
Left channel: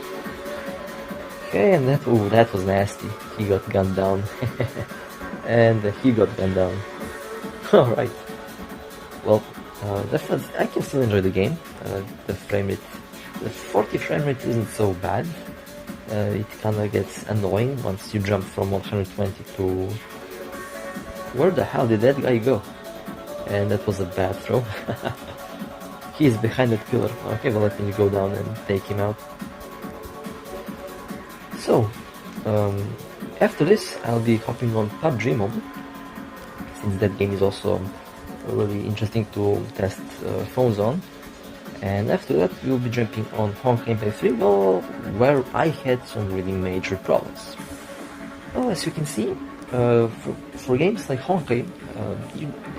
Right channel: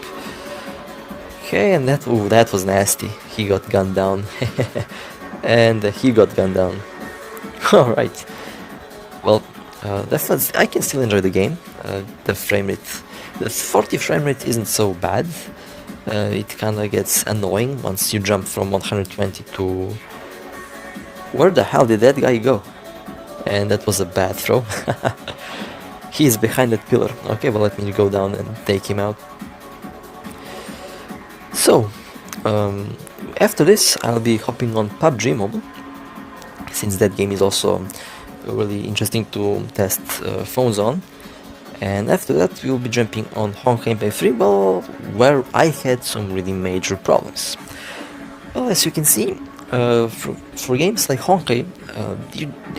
Okay, and that was nasty. He got gunned down, and he got gunned down. All right. Well, I can still enjoy the game. The frame rate, the 40 frame rate isn't so bad. It kinda gets annoying once you jump from 120 to... Where the hell did that guy go? And that was a bad throw. He's behind that pillar. Okay, well, let me go down and take him out. So, after this, I'll be hopping on PUBG Mobile, since that game is also really interesting to test phones on. And after that, we'll be jumping on Honkai Impact 3, well, where I had some really major problems. Well, as you can see, for games like Honkai,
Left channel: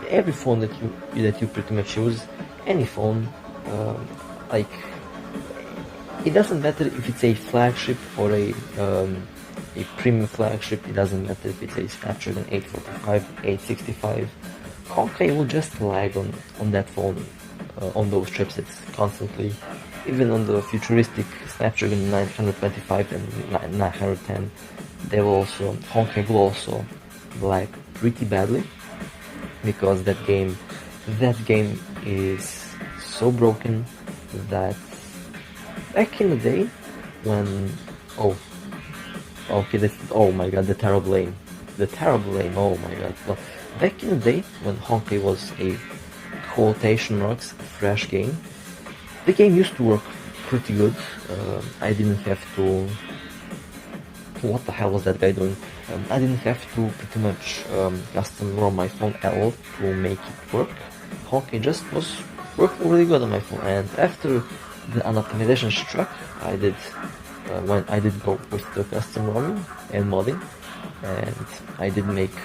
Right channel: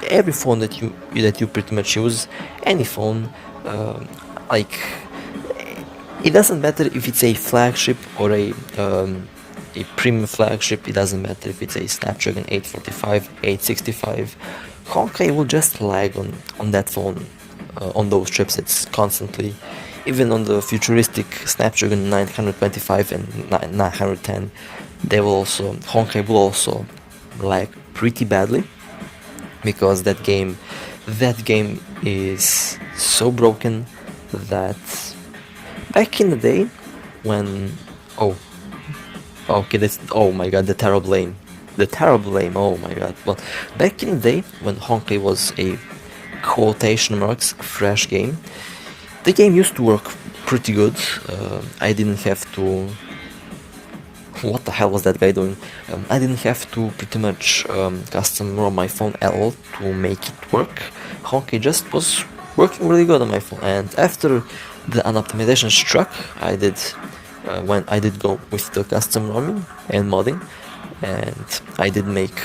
every phone that you pretty much use, any phone, like, it doesn't matter if it's a flagship or a premium flagship. It doesn't matter if it's a Snapdragon 845, 865. Honkai will just lag on that phone. On those chipsets constantly, even on the futuristic Snapdragon 925 and 910, Honkai will also lag pretty badly, because that game is so broken that back in the day when oh my god, the terrible lane, oh my god. Well, back in the day when Honkai was a quotation marks fresh game, the game used to work pretty good. I didn't have to... What the hell was that guy doing? I didn't have to pretty much custom ROM my phone at all to make it work. Honkai just was working really good on my phone, and after the unoptimization struck, I did go with the custom ROMing and modding, and I did make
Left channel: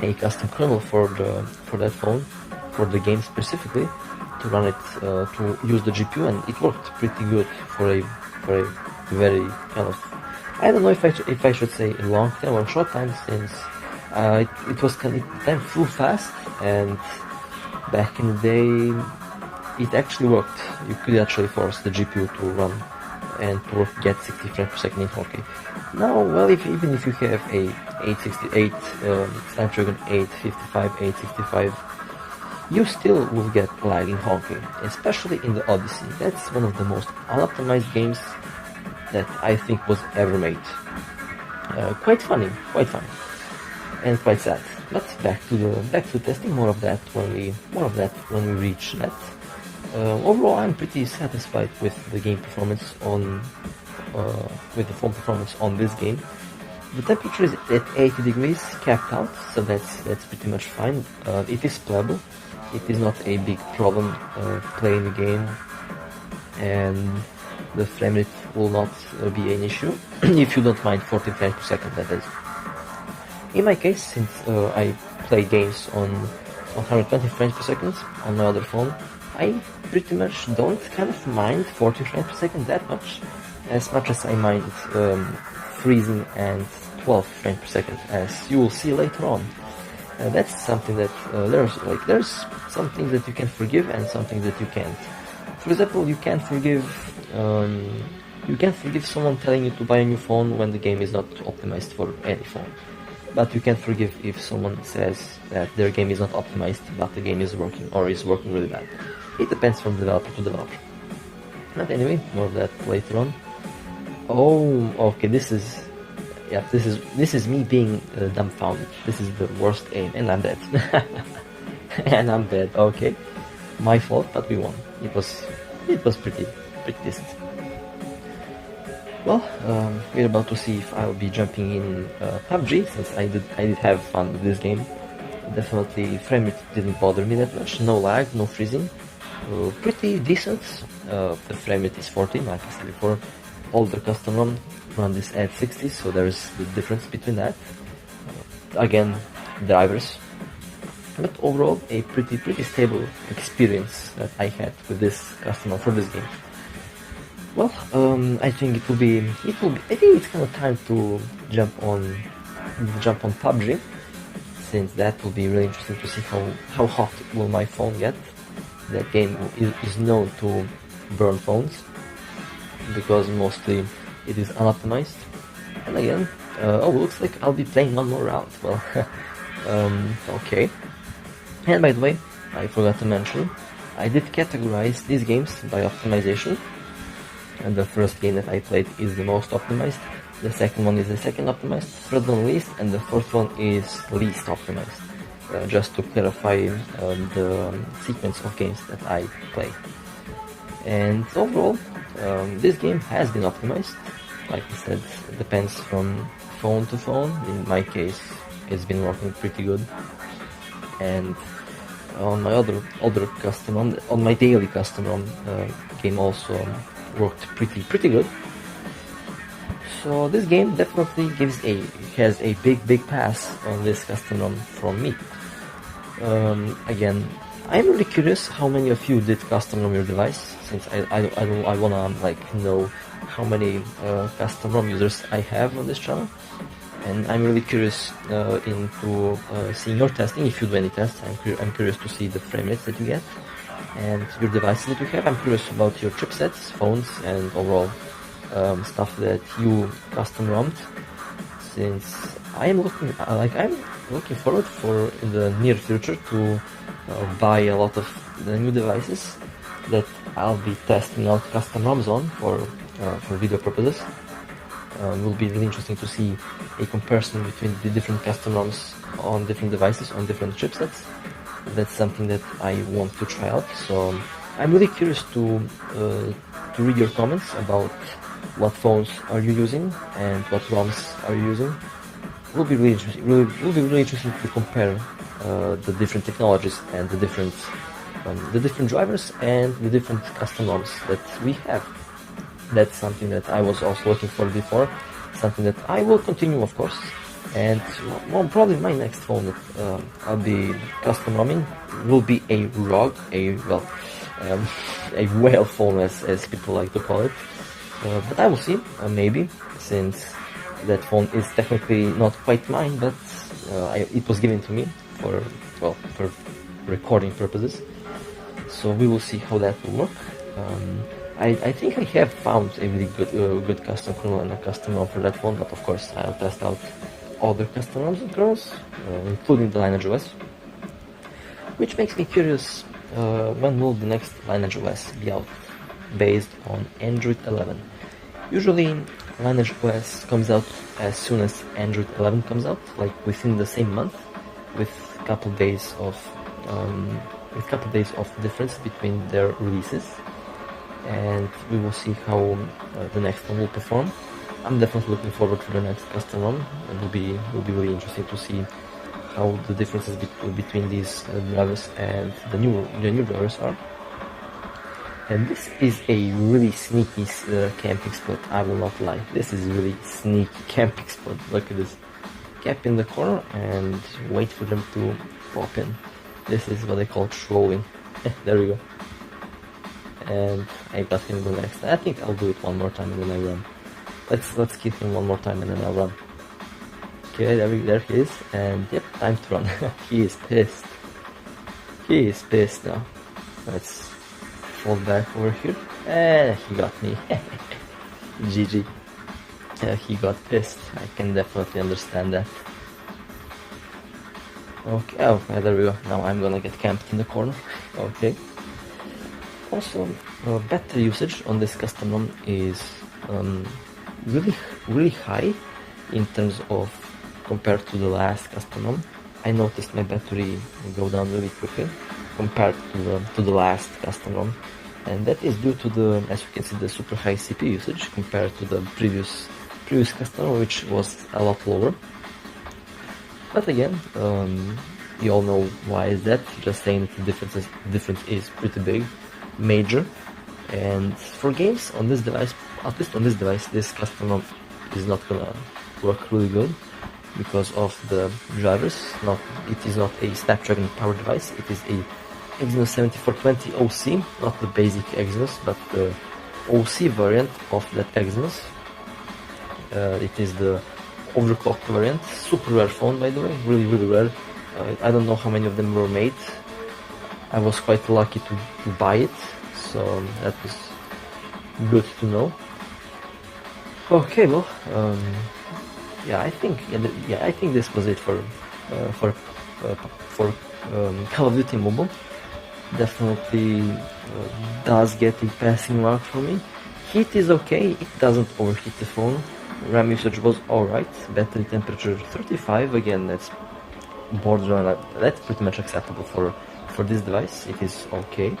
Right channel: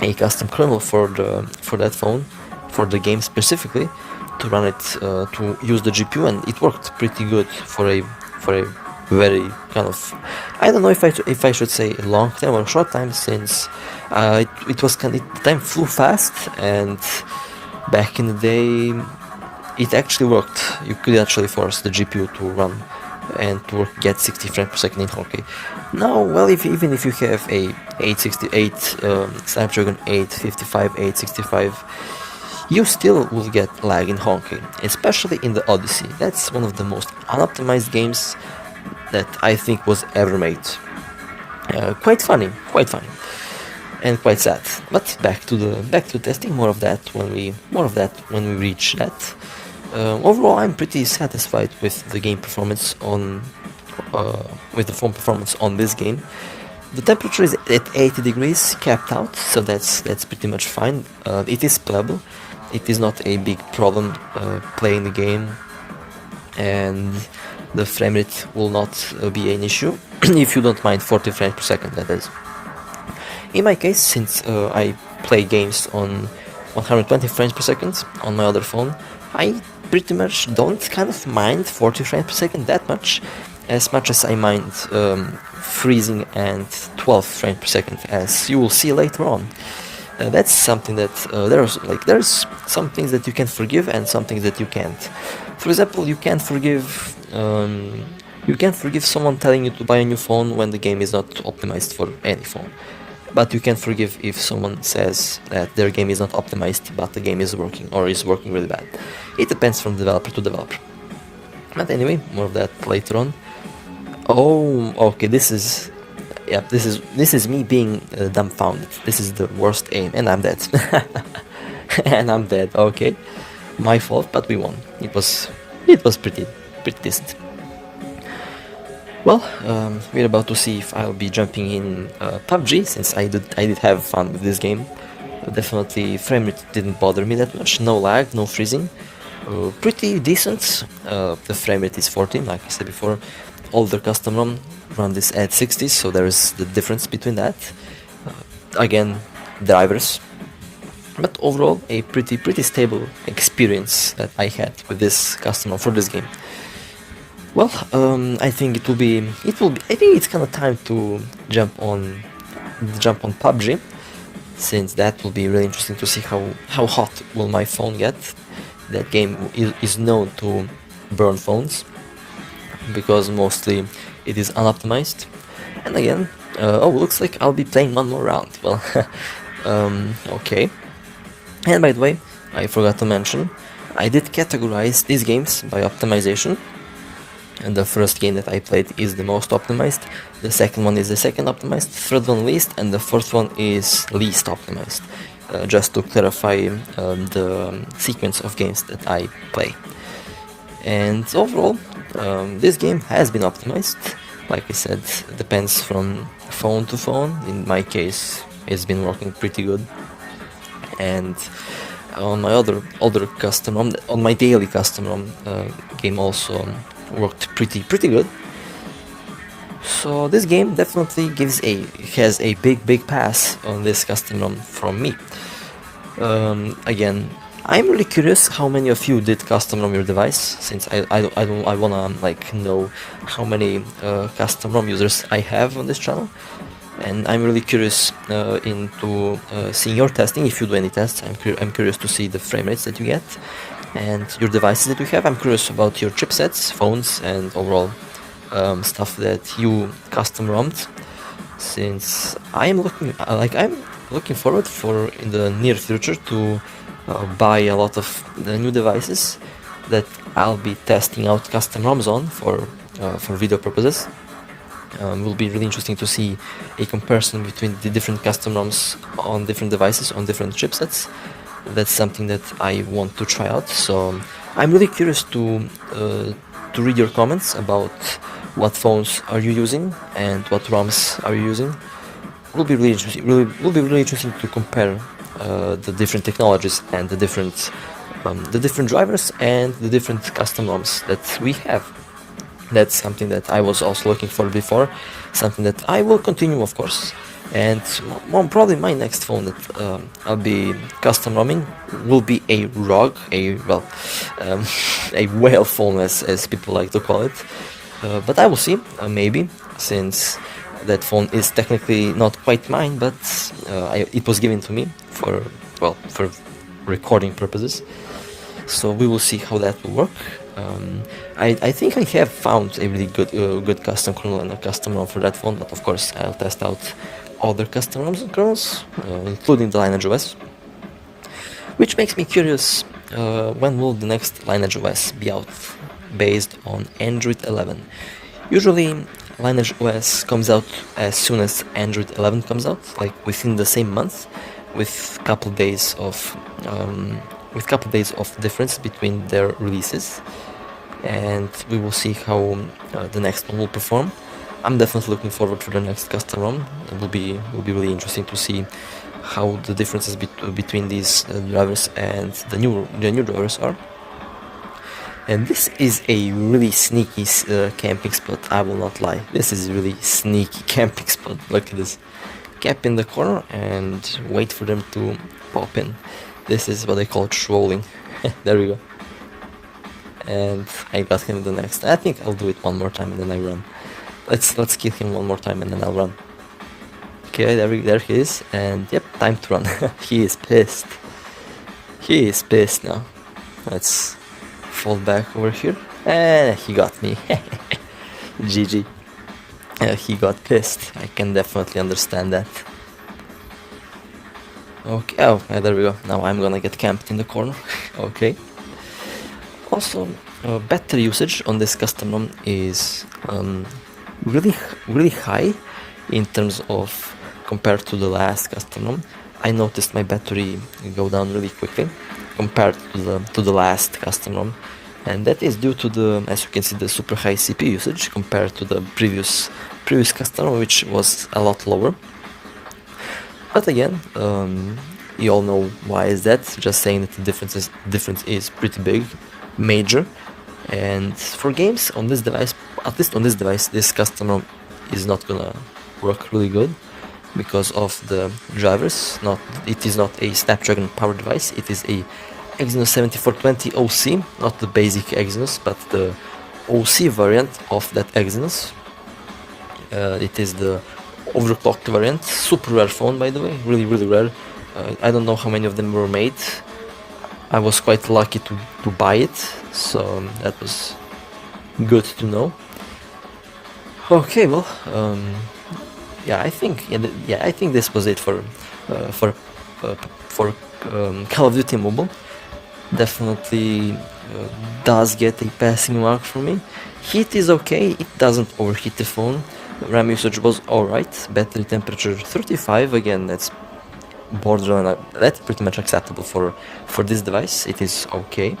a custom kernel for that phone, for the game specifically, to run it, to use the GPU, and it worked pretty good for a very kind of, I don't know if I should say long time or short time, since time flew fast, and back in the day it actually worked. You could actually force the GPU to run and to get 60 frames per second in Honkai. Now, well, even if you have a 868 Snapdragon 855, 865, you still will get lag in Honkai, especially in the Odyssey. That's one of the most unoptimized games that I think was ever made. Quite funny, and quite sad. But back to testing. More of that when we reach that. Overall, I'm pretty satisfied with the game performance with the phone performance on this game. The temperature is at 80 degrees capped out, so that's pretty much fine. It is playable. It is not a big problem playing the game, and the frame rate will not be an issue if you don't mind 40 frames per second, that is. In my case, since I play games on 120 frames per second on my other phone, I pretty much don't kind of mind 40 frames per second that much as I mind freezing and 12 frames per second, as you will see later on. That's something that there's some things that you can forgive and some things that you can't. For example, you can't forgive someone telling you to buy a new phone when the game is not optimized for any phone. But you can forgive if someone says that their game is not optimized but the game is working, or is working really bad. It depends from developer to developer. But anyway, more of that later on. Oh, okay, this is me being dumbfounded. This is the worst aim, and I'm dead. And I'm dead. Okay, my fault, but we won. It was pretty decent. Well, we're about to see if I'll be jumping in PUBG, since I did have fun with this game. Definitely frame rate didn't bother me that much. No lag, no freezing. Pretty decent. The frame rate is 14, like I said before. Older custom ROM run this at 60, so there is the difference between that. Again, drivers. But overall, a pretty stable experience that I had with this custom ROM for this game. Well, I think it will be. I think it's kind of time to jump on PUBG, since that will be really interesting to see how hot will my phone get. That game is known to burn phones, because mostly it is unoptimized. And again, looks like I'll be playing one more round. Well, okay. And by the way, I forgot to mention, I did categorize these games by optimization. And the first game that I played is the most optimized, the second one is the second optimized, third one least, and the fourth one is least optimized, just to clarify the sequence of games that I play. And overall, this game has been optimized. Like I said, it depends from phone to phone. In my case, it's been working pretty good. And on my other custom ROM, on my daily custom ROM, game also worked pretty good. So this game definitely has a big pass on this custom ROM from me. Again, I'm really curious how many of you did custom ROM your device, since I wanna know how many custom ROM users I have on this channel, and I'm really curious into seeing your testing. If you do any tests, I'm curious to see the frame rates that you get and your devices that you have. I'm curious about your chipsets, phones, and overall stuff that you custom ROMed, since I'm looking looking forward for in the near future to buy a lot of the new devices that I'll be testing out custom ROMs on for video purposes. Will be really interesting to see a comparison between the different custom ROMs on different devices, on different chipsets. That's something that I want to try out. So I'm really curious to read your comments about what phones are you using and what ROMs are you using. Will be really interesting. Will be really interesting to compare the different technologies and the different drivers and the different custom ROMs that we have. That's something that I was also looking for before, something that I will continue, of course. And probably my next phone that I'll be custom ROMing will be a ROG, a whale phone as people like to call it. But I will see, maybe, since that phone is technically not quite mine, but it was given to me for recording purposes. So we will see how that will work. I think I have found a really good custom kernel and a custom ROM for that phone, but of course I'll test out other custom ROMs and kernels, including the LineageOS, which makes me curious, when will the next LineageOS be out based on Android 11? Usually LineageOS comes out as soon as Android 11 comes out, like within the same month, with couple days of difference between their releases, and we will see how the next one will perform. I'm definitely looking forward to the next custom ROM. It will be really interesting to see how the differences between these drivers and the new drivers are. And this is a really sneaky camping spot, I will not lie. This is a really sneaky camping spot. Look at this. Camp in the corner and wait for them to pop in. This is what I call trolling. There we go. And I got him the next. I think I'll do it one more time and then I run. Let's kill him one more time and then I'll run. Okay, there he is, and yep, time to run. He is pissed. He is pissed now. Let's fall back over here. And he got me. GG. He got pissed. I can definitely understand that. Okay, oh, there we go. Now I'm gonna get camped in the corner. Okay. Also, battery usage on this custom ROM is really high in terms of compared to the last custom ROM. I noticed my battery go down really quickly compared to the last custom ROM, and that is due to the, as you can see, the super high CPU usage compared to the previous custom ROM, which was a lot lower. But again, you all know why is that. Just saying that the difference is pretty big, major. And for games on this device, at least on this device, this custom ROM is not gonna work really good because of the drivers. It is not a Snapdragon powered device. It is a Exynos 7420 OC, not the basic Exynos, but the OC variant of that Exynos. It is the overclocked variant, super rare phone, by the way, really rare. I don't know how many of them were made. I was quite lucky to buy it, so that was good to know. Okay, well, I think this was it for Call of Duty Mobile. Definitely does get a passing mark for me. Heat is okay, it doesn't overheat the phone. RAM usage was alright. Battery temperature 35, again that's borderline, that's pretty much acceptable for this device. It is okay.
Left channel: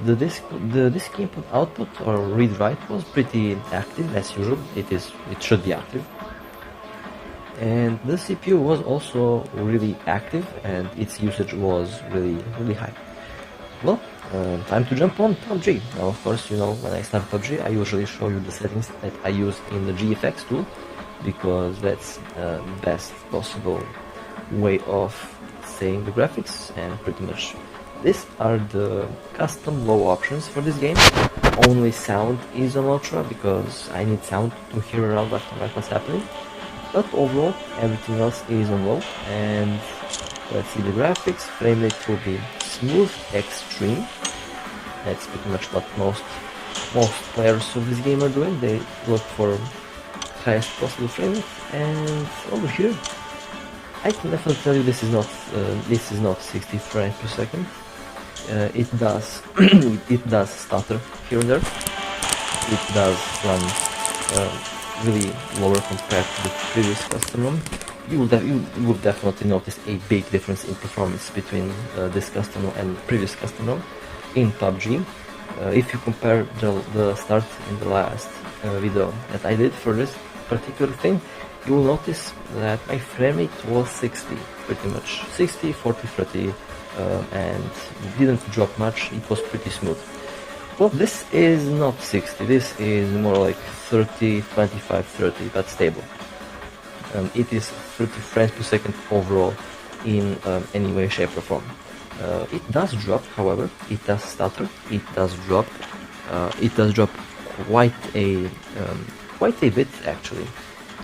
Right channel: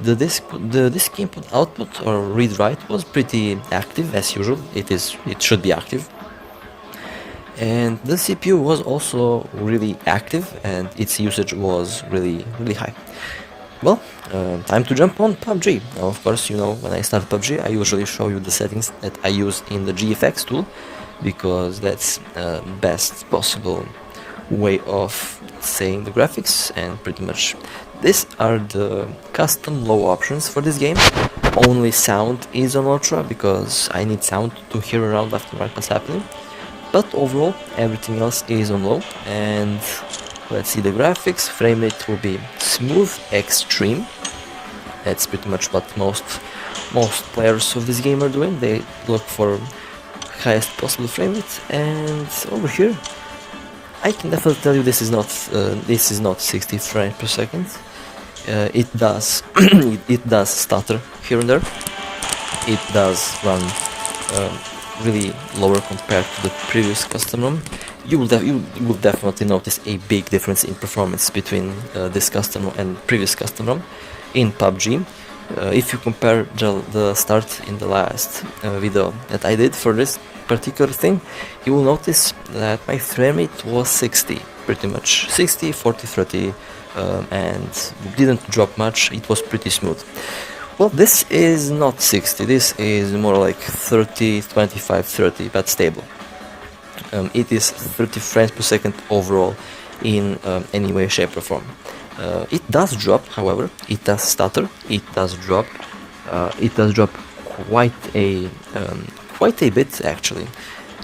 The disk input output or read write was pretty active as usual. It should be active. And the CPU was also really active and its usage was really high. Well, time to jump on PUBG. Now, of course, you know, when I start PUBG, I usually show you the settings that I use in the GFX tool, because that's best possible way of saying the graphics, and pretty much these are the custom low options for this game. Only sound is on ultra because I need sound to hear around after what's happening, but overall everything else is on low. And let's see the graphics. Frame rate will be smooth extreme. That's pretty much what most players of this game are doing. They look for highest possible frame rate. And over here I can definitely tell you this is not 60 frames per second. It does it does stutter here and there. It does run really lower compared to the previous custom ROM. You will definitely notice a big difference in performance between this custom and previous custom ROM in PUBG. If you compare the start in the last video that I did for this particular thing, you will notice that my frame rate was 60, pretty much 60, 40, 30, and didn't drop much. It was pretty smooth. Well, this is not 60, this is more like 30, 25, 30, but stable. It is 30 frames per second overall in any way, shape or form. It does drop, however, it does stutter, it does drop quite a bit actually.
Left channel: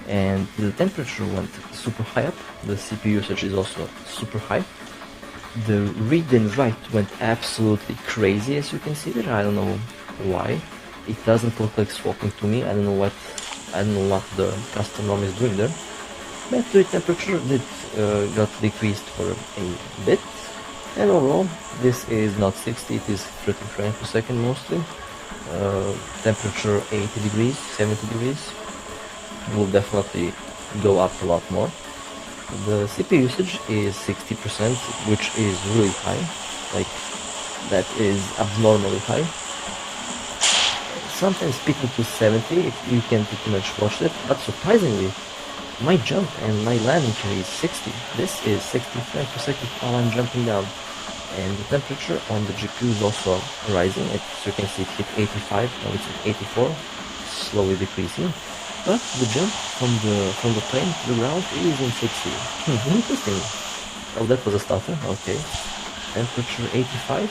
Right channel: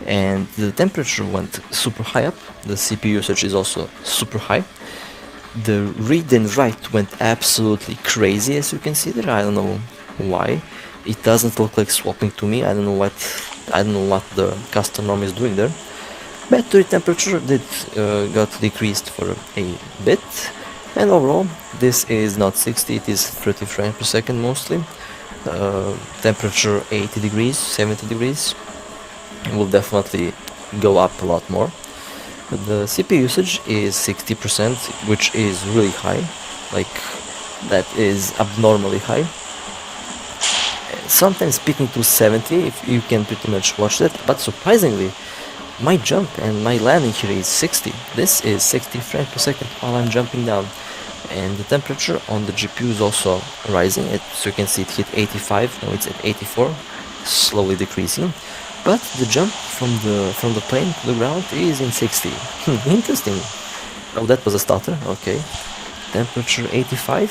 And the temperature went super high up, the CPU usage is also super high. The read and write went absolutely crazy, as you can see there. I don't know why. It doesn't look like swapping to me. I don't know what the custom ROM is doing there. Battery temperature did got decreased for a bit, and overall this is not 60, it is 30 frames per second mostly. Temperature 80 degrees, 70 degrees. Will definitely go up a lot more. The CPU usage is 60%, which is really high, like that is abnormally high. Sometimes peaking to 70, if you can pretty much watch that, but surprisingly, my jump and my landing here is 60. This is 60 frames per second while I'm jumping down. And the temperature on the GPU is also rising. So you can see it hit 85, now it's at 84, slowly decreasing. But the jump from the plane to the ground is in 60. Interesting. Oh, that was a stutter. Okay. Temperature 85.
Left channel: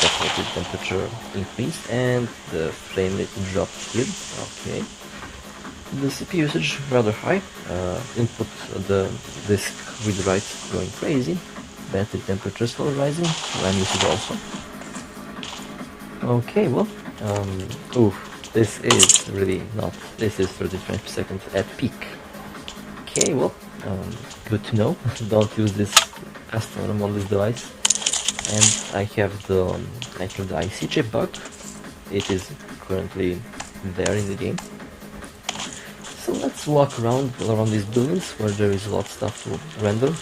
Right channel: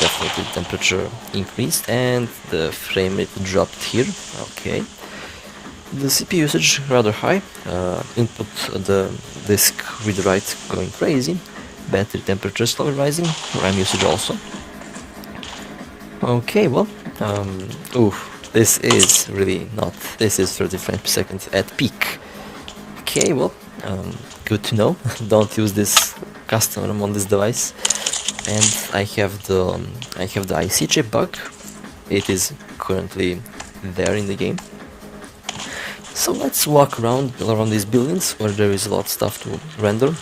Definitely temperature increased and the frame rate dropped here. Okay. The CPU usage rather high. Input the disk read write going crazy. Battery temperature slowly rising. RAM usage also. Okay. Well. Oof. This is really not. This is 30 frames per second at peak. Okay, well, good to know. Don't use this custom ROM on this device. And I have the IC chip bug. It is currently there in the game. So let's walk around these buildings where there is a lot of stuff to render,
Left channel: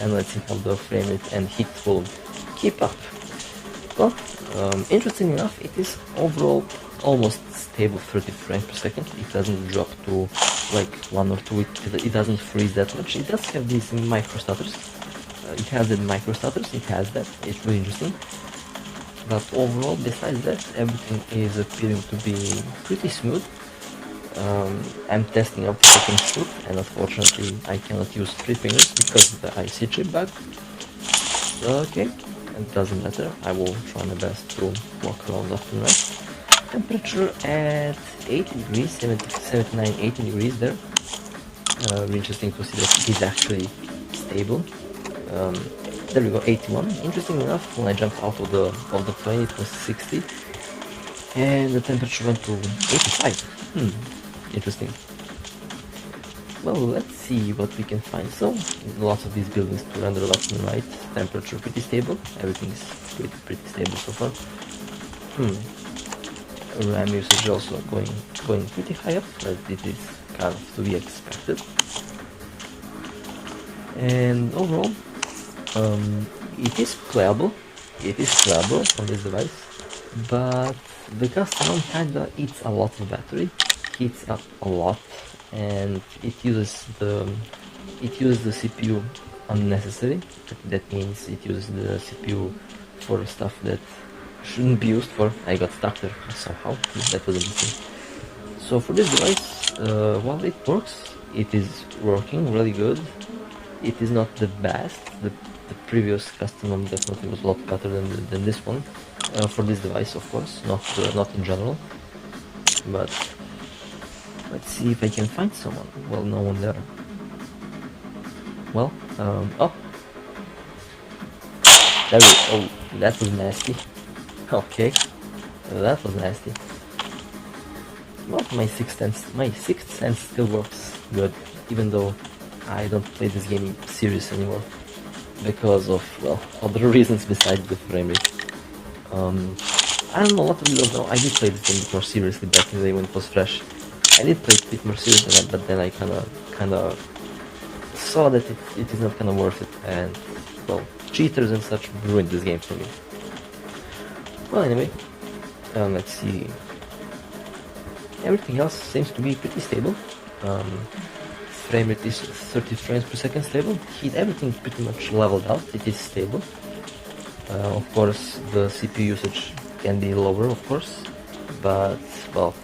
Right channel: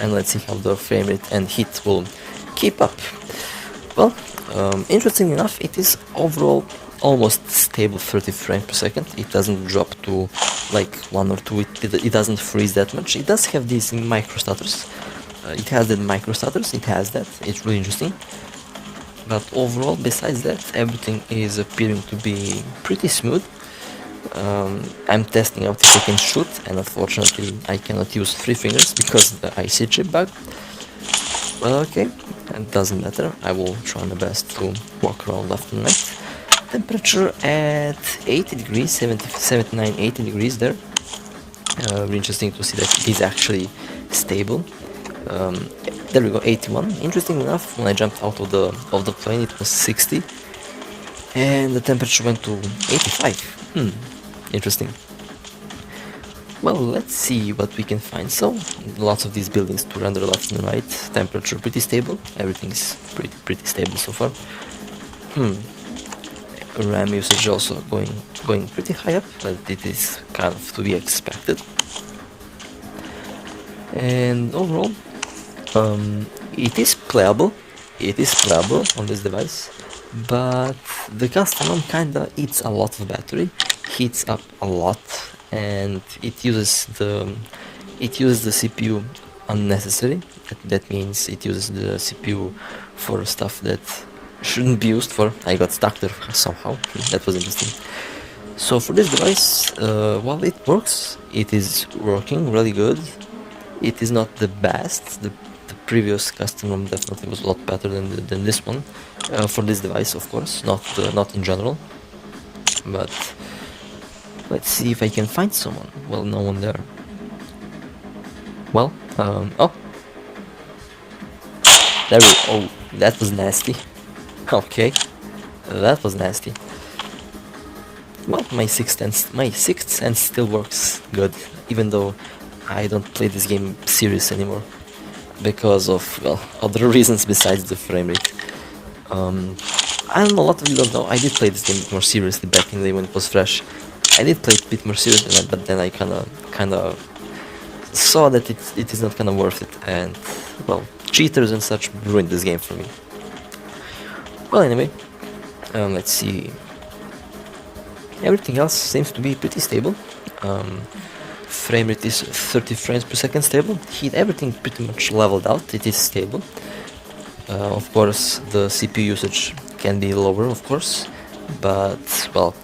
and let's see how the frame rate and heat will keep up. Well, interesting enough, it is overall almost stable 30 frames per second. It doesn't drop to like 1 or 2, it doesn't freeze that much. It does have these micro stutters. It has the micro stutters, it has that, it's really interesting. But overall, besides that, everything is appearing to be pretty smooth. I'm testing out if I can shoot, and unfortunately I cannot use 3 fingers because of the IC chip bug. Okay, it doesn't matter, I will try my best to walk around left and right. Temperature at 80 degrees, 79, 80 degrees there. Really interesting to see that it is actually stable. There we go, 81. Interesting enough, when I jumped out of the plane it was 60, and the temperature went to 85. Interesting. Well, let's see what we can find. So, lots of these buildings to render left and right. Temperature pretty stable. Everything is pretty stable so far. RAM usage also going pretty high up, but it is kind of to be expected. And overall, it is playable on this device, but the custom ROM kinda eats a lot of battery, heats up a lot, and it uses the CPU unnecessary. That means it uses the CPU for stuff that shouldn't be used for. I got stuck there somehow. That was interesting. So for this device, while it works, it is working really good. It is not the best. The previous custom ROM definitely was a lot better than this one. For this device, of course, not in general. But let's see if I can find someone. Well, no one there. Well, oh, there we. Oh, that was nasty. Okay, that was nasty. Well, my sixth sense still works good, even though I don't play this game serious anymore because of, well, other reasons besides the frame rate. I'm a lot of you don't know, I did play this game a bit more seriously back in the day when it was fresh. I did play it a bit more seriously, but then I kinda saw that it is not kinda worth it, and, well, cheaters and such ruined this game for me. Well, anyway, let's see. Everything else seems to be pretty stable. Frame rate is 30 frames per second stable. Everything pretty much leveled out, it is stable. Of course, the CPU usage can be lower, of course, but, well,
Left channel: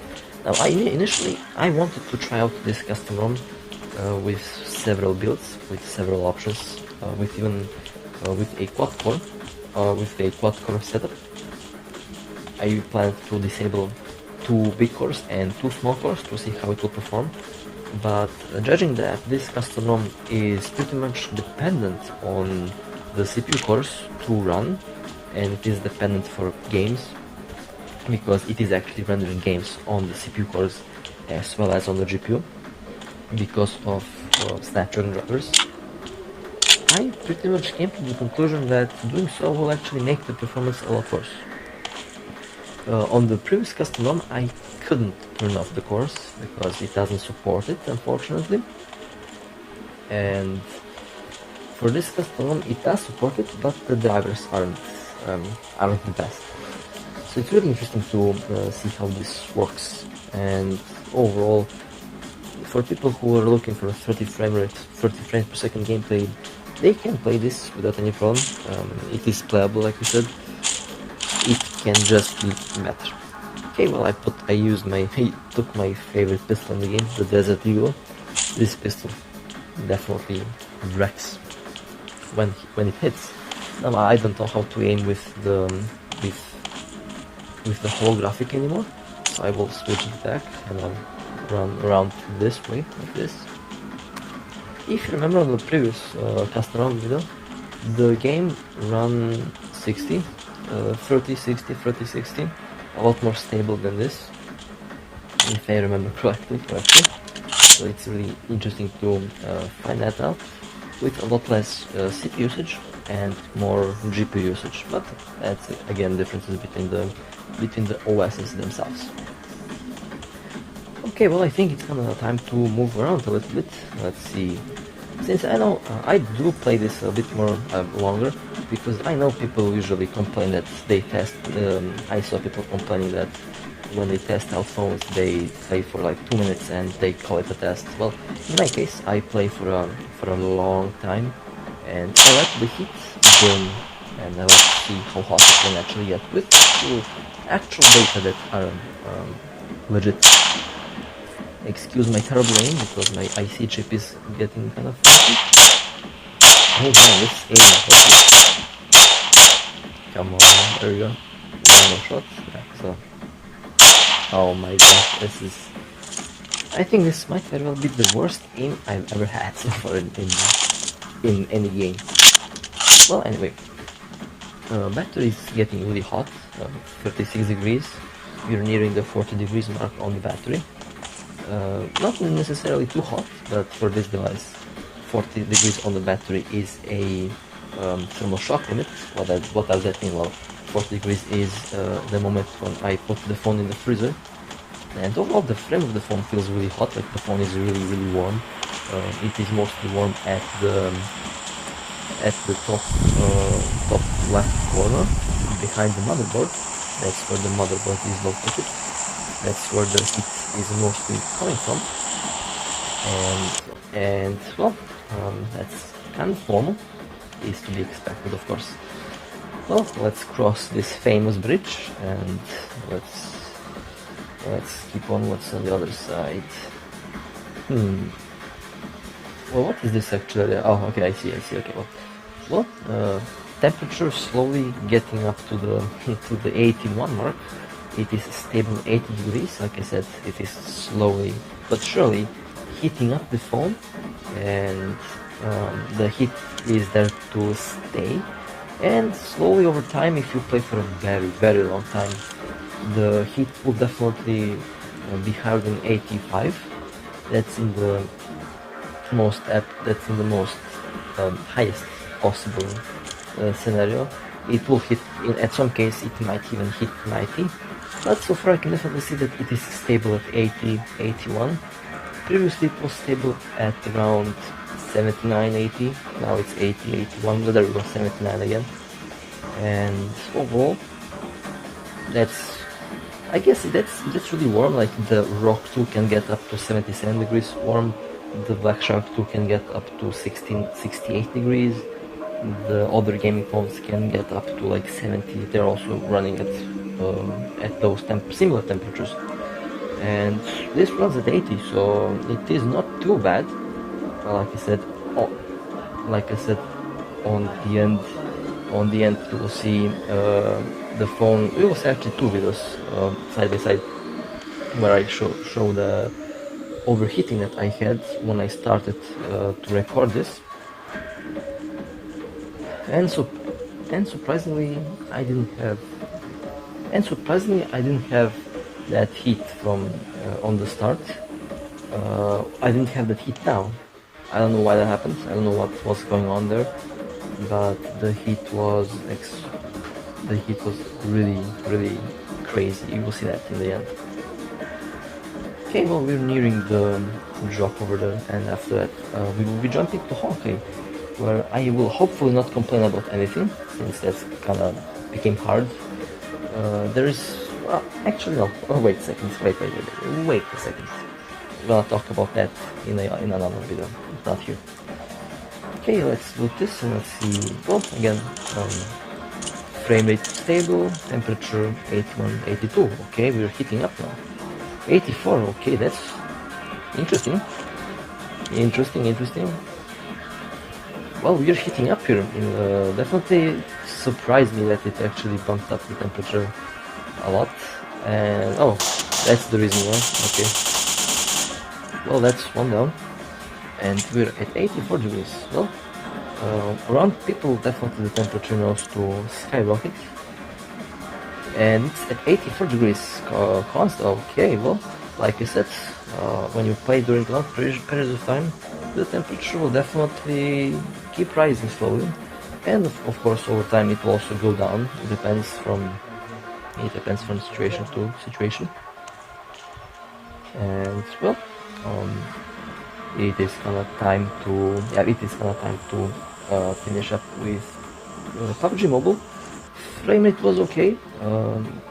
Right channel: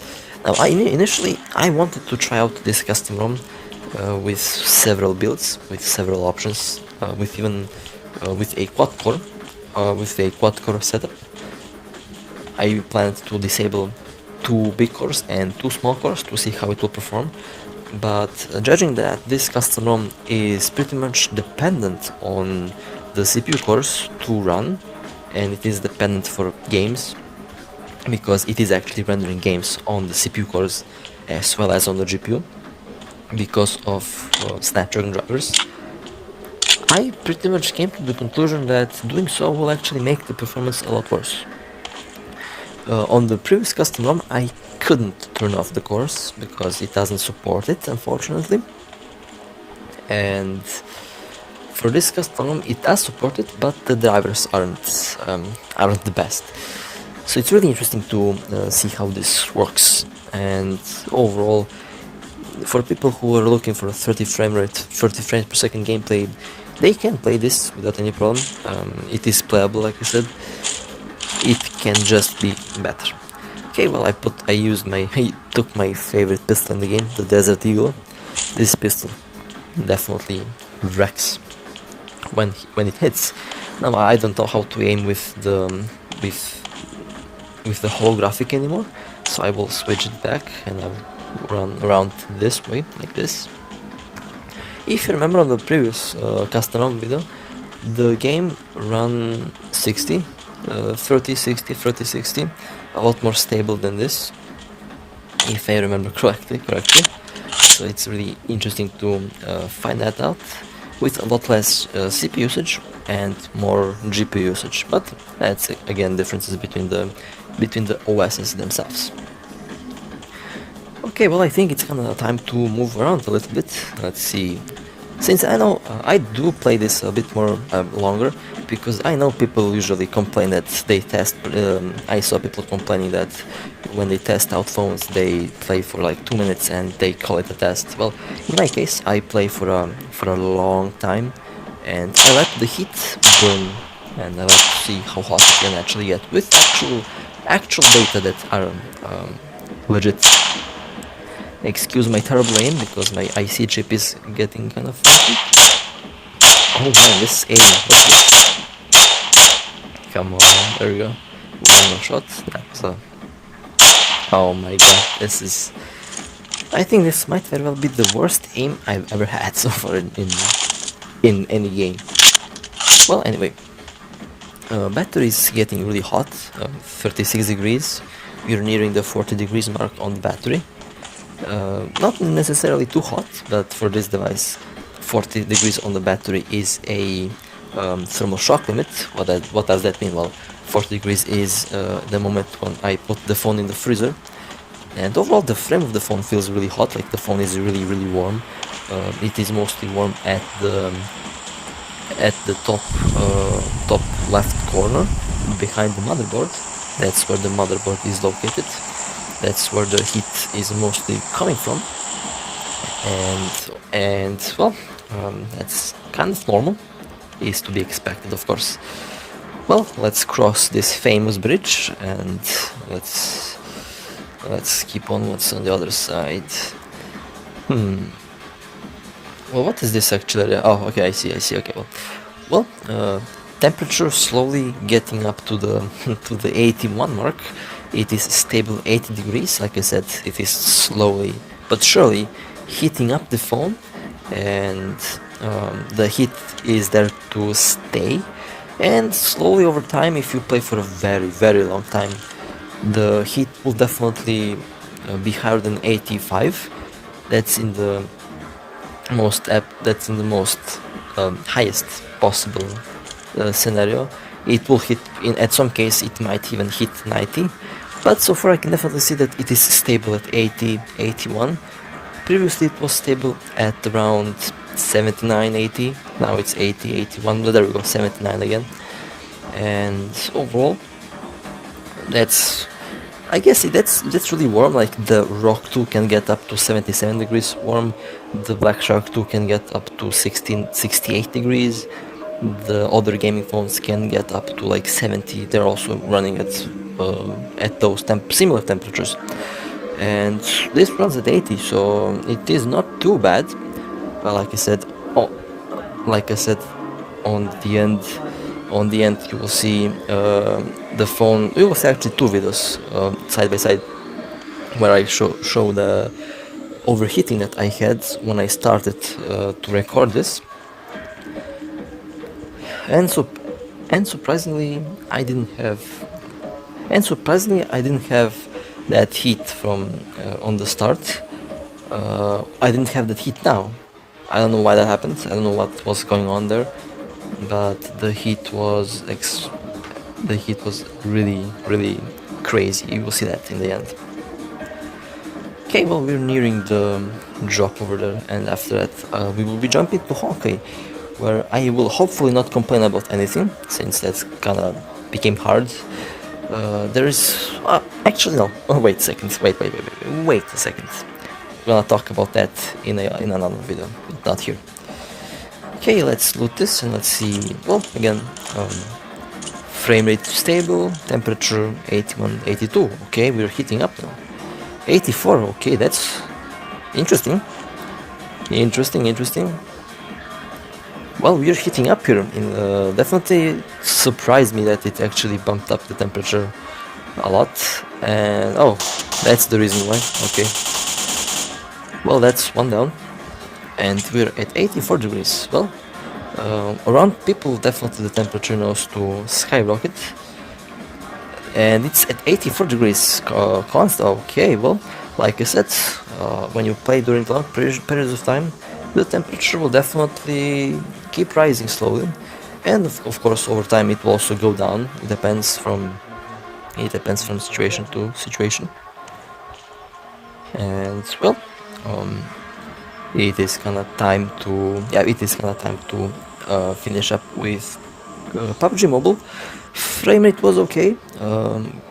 now initially I wanted to try out this custom ROM with several builds, with several options, with even with a quad core setup. I planned to disable 2 big cores and 2 small cores to see how it will perform, but judging that this custom ROM is pretty much dependent on the CPU cores to run, and it is dependent for games because it is actually rendering games on the CPU cores as well as on the GPU because of Snapdragon drivers. I pretty much came to the conclusion that doing so will actually make the performance a lot worse. On the previous custom ROM I couldn't turn off the cores because it doesn't support it, unfortunately, and for this custom ROM it does support it, but the drivers aren't the best. So it's really interesting to see how this works, and overall, for people who are looking for a 30 frames per second gameplay, they can play this without any problem. It is playable, like I said. It can just be better. Okay, well, I took my favorite pistol in the game, the Desert Eagle. This pistol definitely wrecks when it hits. Now I don't know how to aim with the holographic anymore, so I will switch it back and I'll run around this way, like this. If you remember on the previous custom ROM video, the game ran 60, 30, 60, 30, 60, a lot more stable than this, if I remember correctly. So it's really interesting to find that out with a lot less CPU usage and more GPU usage, but that's again differences between the OSs themselves. Okay, well, I think it's kind of time to move around a little bit. Let's see. Since I know I do play this a bit more longer, because I know people usually complain that they test. I saw people complaining that when they test out phones, they play for like 2 minutes and they call it a test. Well, in my case, I play for a long time, and I let the heat burn, and I like to see how hot it can actually get with actual data that are legit. Excuse my terrible aim because my IC chip is getting kind of funky. Oh man, this aim. Come on, there we go. One more shot. Yeah, so. Oh my god, this is. I think this might very well be the worst aim I've ever had so far in any game. Well, anyway, battery is getting really hot. 36 degrees. We're nearing the 40 degrees mark on the battery. Not necessarily too hot, but for this device, 40 degrees on the battery is a thermal shock limit. What does that mean? Well, 40 degrees is the moment when I put the phone in the freezer, and overall the frame of the phone feels really hot, like the phone is really warm. It is mostly warm at the top left corner behind the motherboard. That's where the motherboard is located. That's where the heat is mostly coming from, and well, that's kind of normal, is to be expected, of course. Well, let's cross this famous bridge and let's keep on what's on the other side. Well, what is this actually? Oh, okay, I see. Okay, well, temperature slowly getting up to the to the 81 mark. It is stable 80 degrees. Like I said, it is slowly but surely heating up the phone, and the heat is there to stay. And slowly over time, if you play for a very long time, the heat will definitely be higher than 85. That's in the that's in the most highest possible scenario, it will hit, at some case it might even hit 90, but so far I can definitely see that it is stable at 80, 81. Previously it was stable at around 79, 80, now it's 80, 81, but there we go, 79 again. And overall, I guess that's really warm. Like the Rock 2 can get up to 77 degrees warm, the Black Shark 2 can get up to 68 degrees, the other gaming phones can get up to like 70. They're also running at those similar temperatures, and this runs at 80, so it is not too bad. But like I said, on the end, you will see the phone. You will see actually two videos side by side where I show the overheating that I had when I started to record this, and surprisingly I didn't have that heat from on the start. I didn't have that heat now. I don't know why that happened. I don't know what was going on there, but the heat was really, really crazy. You will see that in the end. Okay, well, we're nearing the drop over there, and after that we will be jumping to Honkai, where I will hopefully not complain about anything, since that's kinda became hard. There is actually no. Oh, wait a second. Wait a second. We're gonna talk about that in another video, not here. Okay, let's loot this and let's see. Well, again, frame rate stable, temperature 81, 82. Okay, we're heating up now. 84. Okay, that's interesting. Interesting. Well, we're heating up here. Definitely surprised me that it actually bumped up the temperature a lot. And oh, that's the reason why. Okay. Well, that's one down, and we're at 84 degrees. Well, around people, definitely the temperature knows to skyrocket, and it's at 84 degrees constant. Okay, well, like I said, when you play during long periods of time, the temperature will definitely keep rising slowly, and of course over time it will also go down. It depends from situation to situation, and well. It is kind of time to finish up with PUBG Mobile. Frame rate was okay,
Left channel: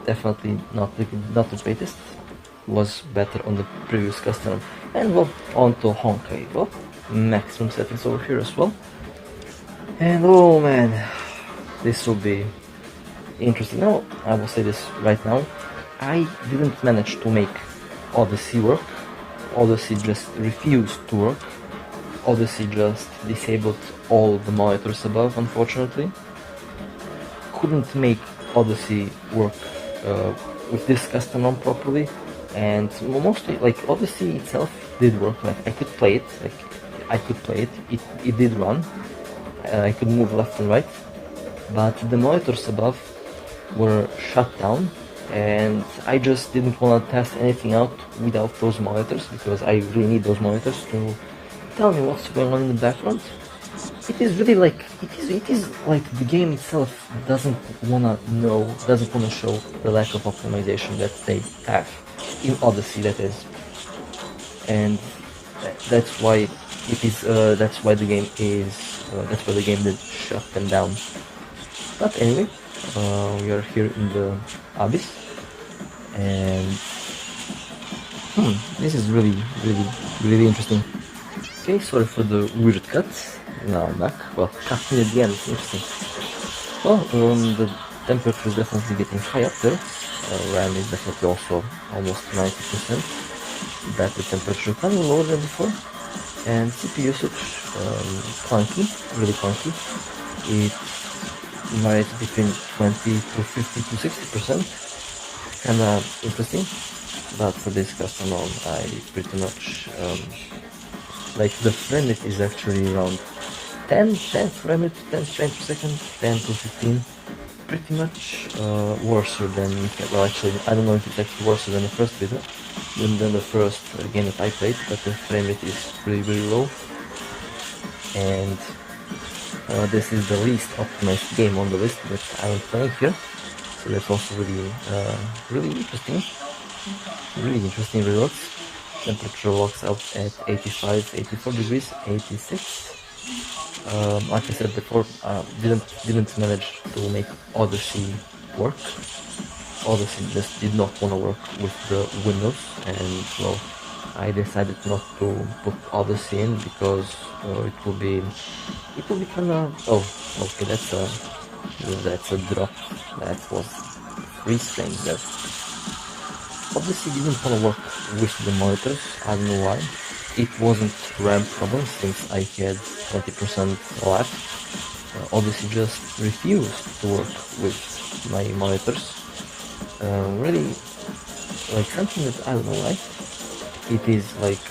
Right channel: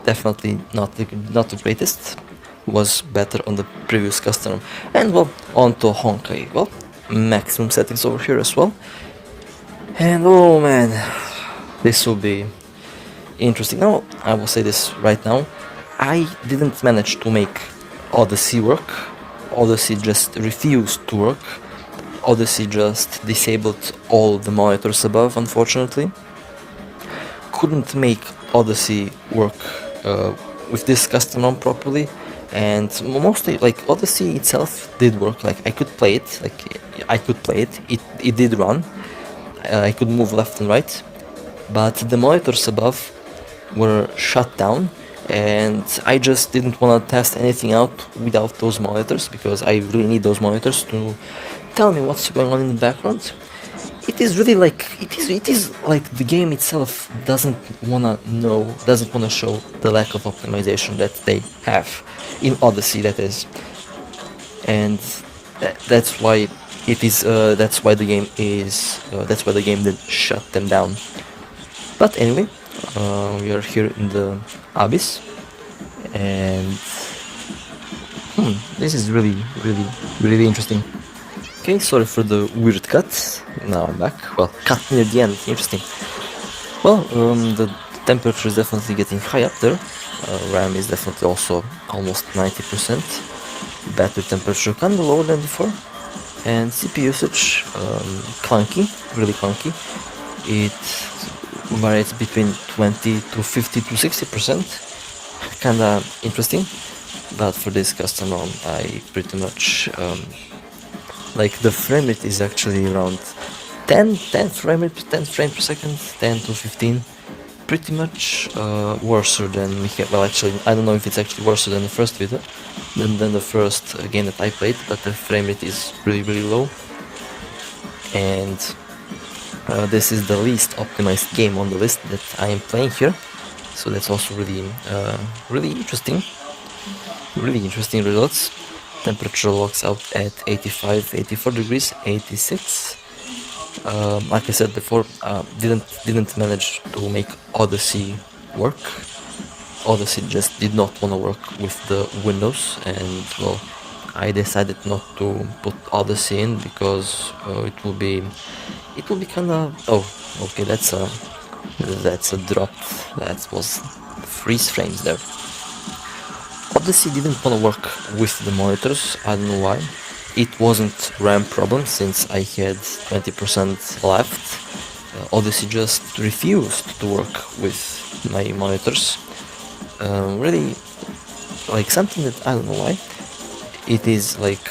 definitely not the greatest. Was better on the previous custom. And well, on to Honkai. Well, maximum settings over here as well. And oh man, this will be interesting. Now, I will say this right now. I didn't manage to make Odyssey work. Odyssey just refused to work. Odyssey just disabled all the monitors above, unfortunately. Couldn't make Odyssey work with this custom ROM properly, and mostly like Odyssey itself did work. Like I could play it. It did run. I could move left and right, but the monitors above were shut down. And I just didn't want to test anything out without those monitors, because I really need those monitors to tell me what's going on in the background. It is really like it is like the game itself doesn't wanna show the lack of optimization that they have in Odyssey, that is, and that's why the game did shut them down. But anyway, we are here in the abyss, and this is really interesting. Okay, sorry for the weird cut. Now I'm back. Well, cut near the end. Interesting. Well, the temperature is definitely getting high up there. RAM is definitely also almost 90%. Battery temperature kind of low than before, and CPU usage clunky, really clunky. It varies between 20 to 50 to 60%. Kinda interesting, but for this custom ROM, I pretty much like the frame rate is actually around 10 frames per second, 10 to 15. Pretty much worse than well, actually, I don't know if it's actually worse than the first video, than the first game that I played, but the frame rate is really low. and this is the least optimized game on the list that I am playing here, so that's also really interesting. Really interesting results. Temperature locks out at 85, 84 degrees, 86. Like I said before, didn't manage to make Odyssey work. Odyssey just did not want to work with the Windows, and well, I decided not to put Odyssey in because it will be kind of okay. That's a drop. That was freeze frames there. Odyssey didn't want to work with the monitors. I don't know why. It wasn't RAM problem since I had 20% left. Odyssey just refused to work with my monitors. Really, like something that I don't know why. It is like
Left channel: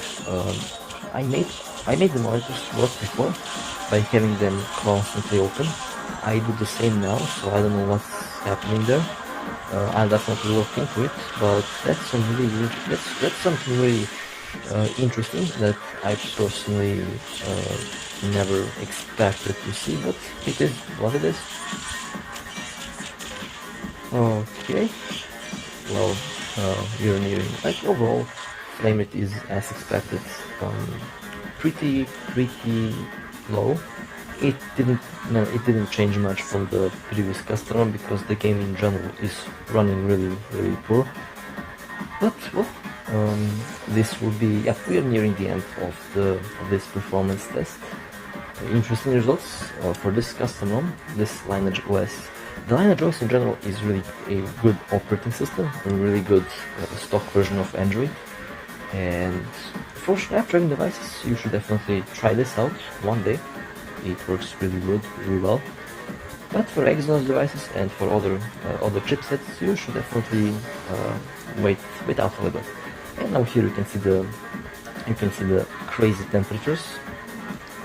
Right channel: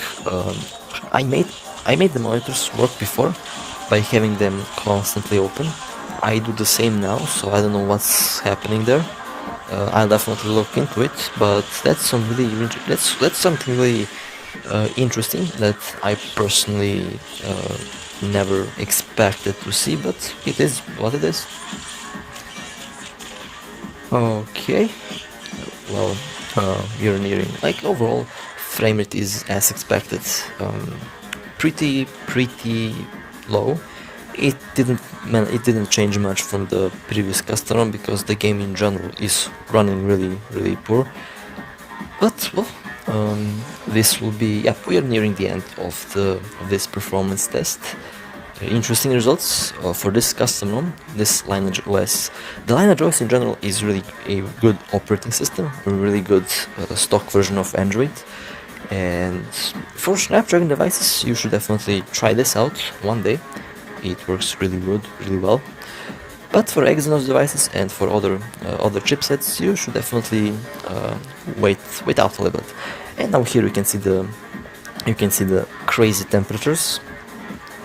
I made the monitors work before by having them constantly open. I do the same now, so I don't know what's happening there. I'll definitely look into it, but that's something really interesting that I personally never expected to see, but it is what it is. Okay, well, you're nearing, like, overall frame rate is as expected, pretty low. It didn't change much from the previous custom because the game in general is running really poor. But well, this will be, yeah, we are nearing the end of this performance test. Interesting results for this custom ROM, this LineageOS. The LineageOS in general is really a good operating system, a really good stock version of Android. And for Snapdragon devices, you should definitely try this out one day. It works really good, really well. But for Exynos devices and for other chipsets, you should definitely wait out a little bit. And now here you can see the crazy temperatures.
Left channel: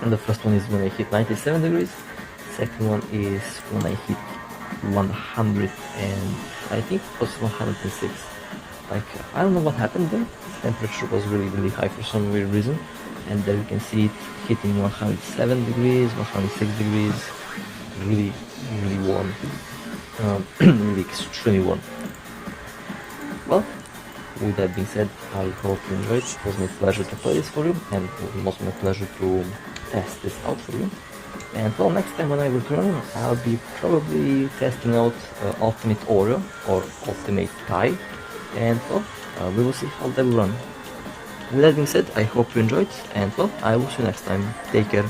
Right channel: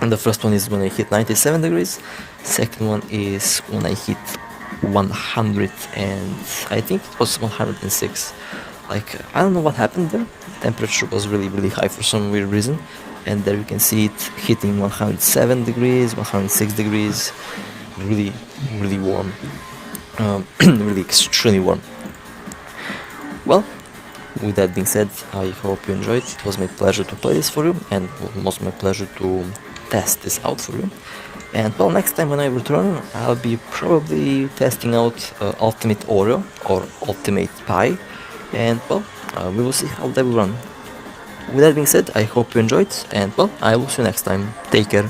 And the first one is when I hit 97 degrees. Second one is when I hit 100, and I think it was 106. Like, I don't know what happened there. Temperature was really high for some weird reason. And there you can see it hitting 107 degrees, 106 degrees, really warm, really extremely warm. Well, with that being said, I hope you enjoyed. It was my pleasure to play this for you, and it was my pleasure to test this out for you. And well, next time when I return, I'll be probably testing out Ultimate Oreo or Ultimate Pie, and well, we will see how they will run. With that being said, I hope you enjoyed, and well, I will see you next time. Take care.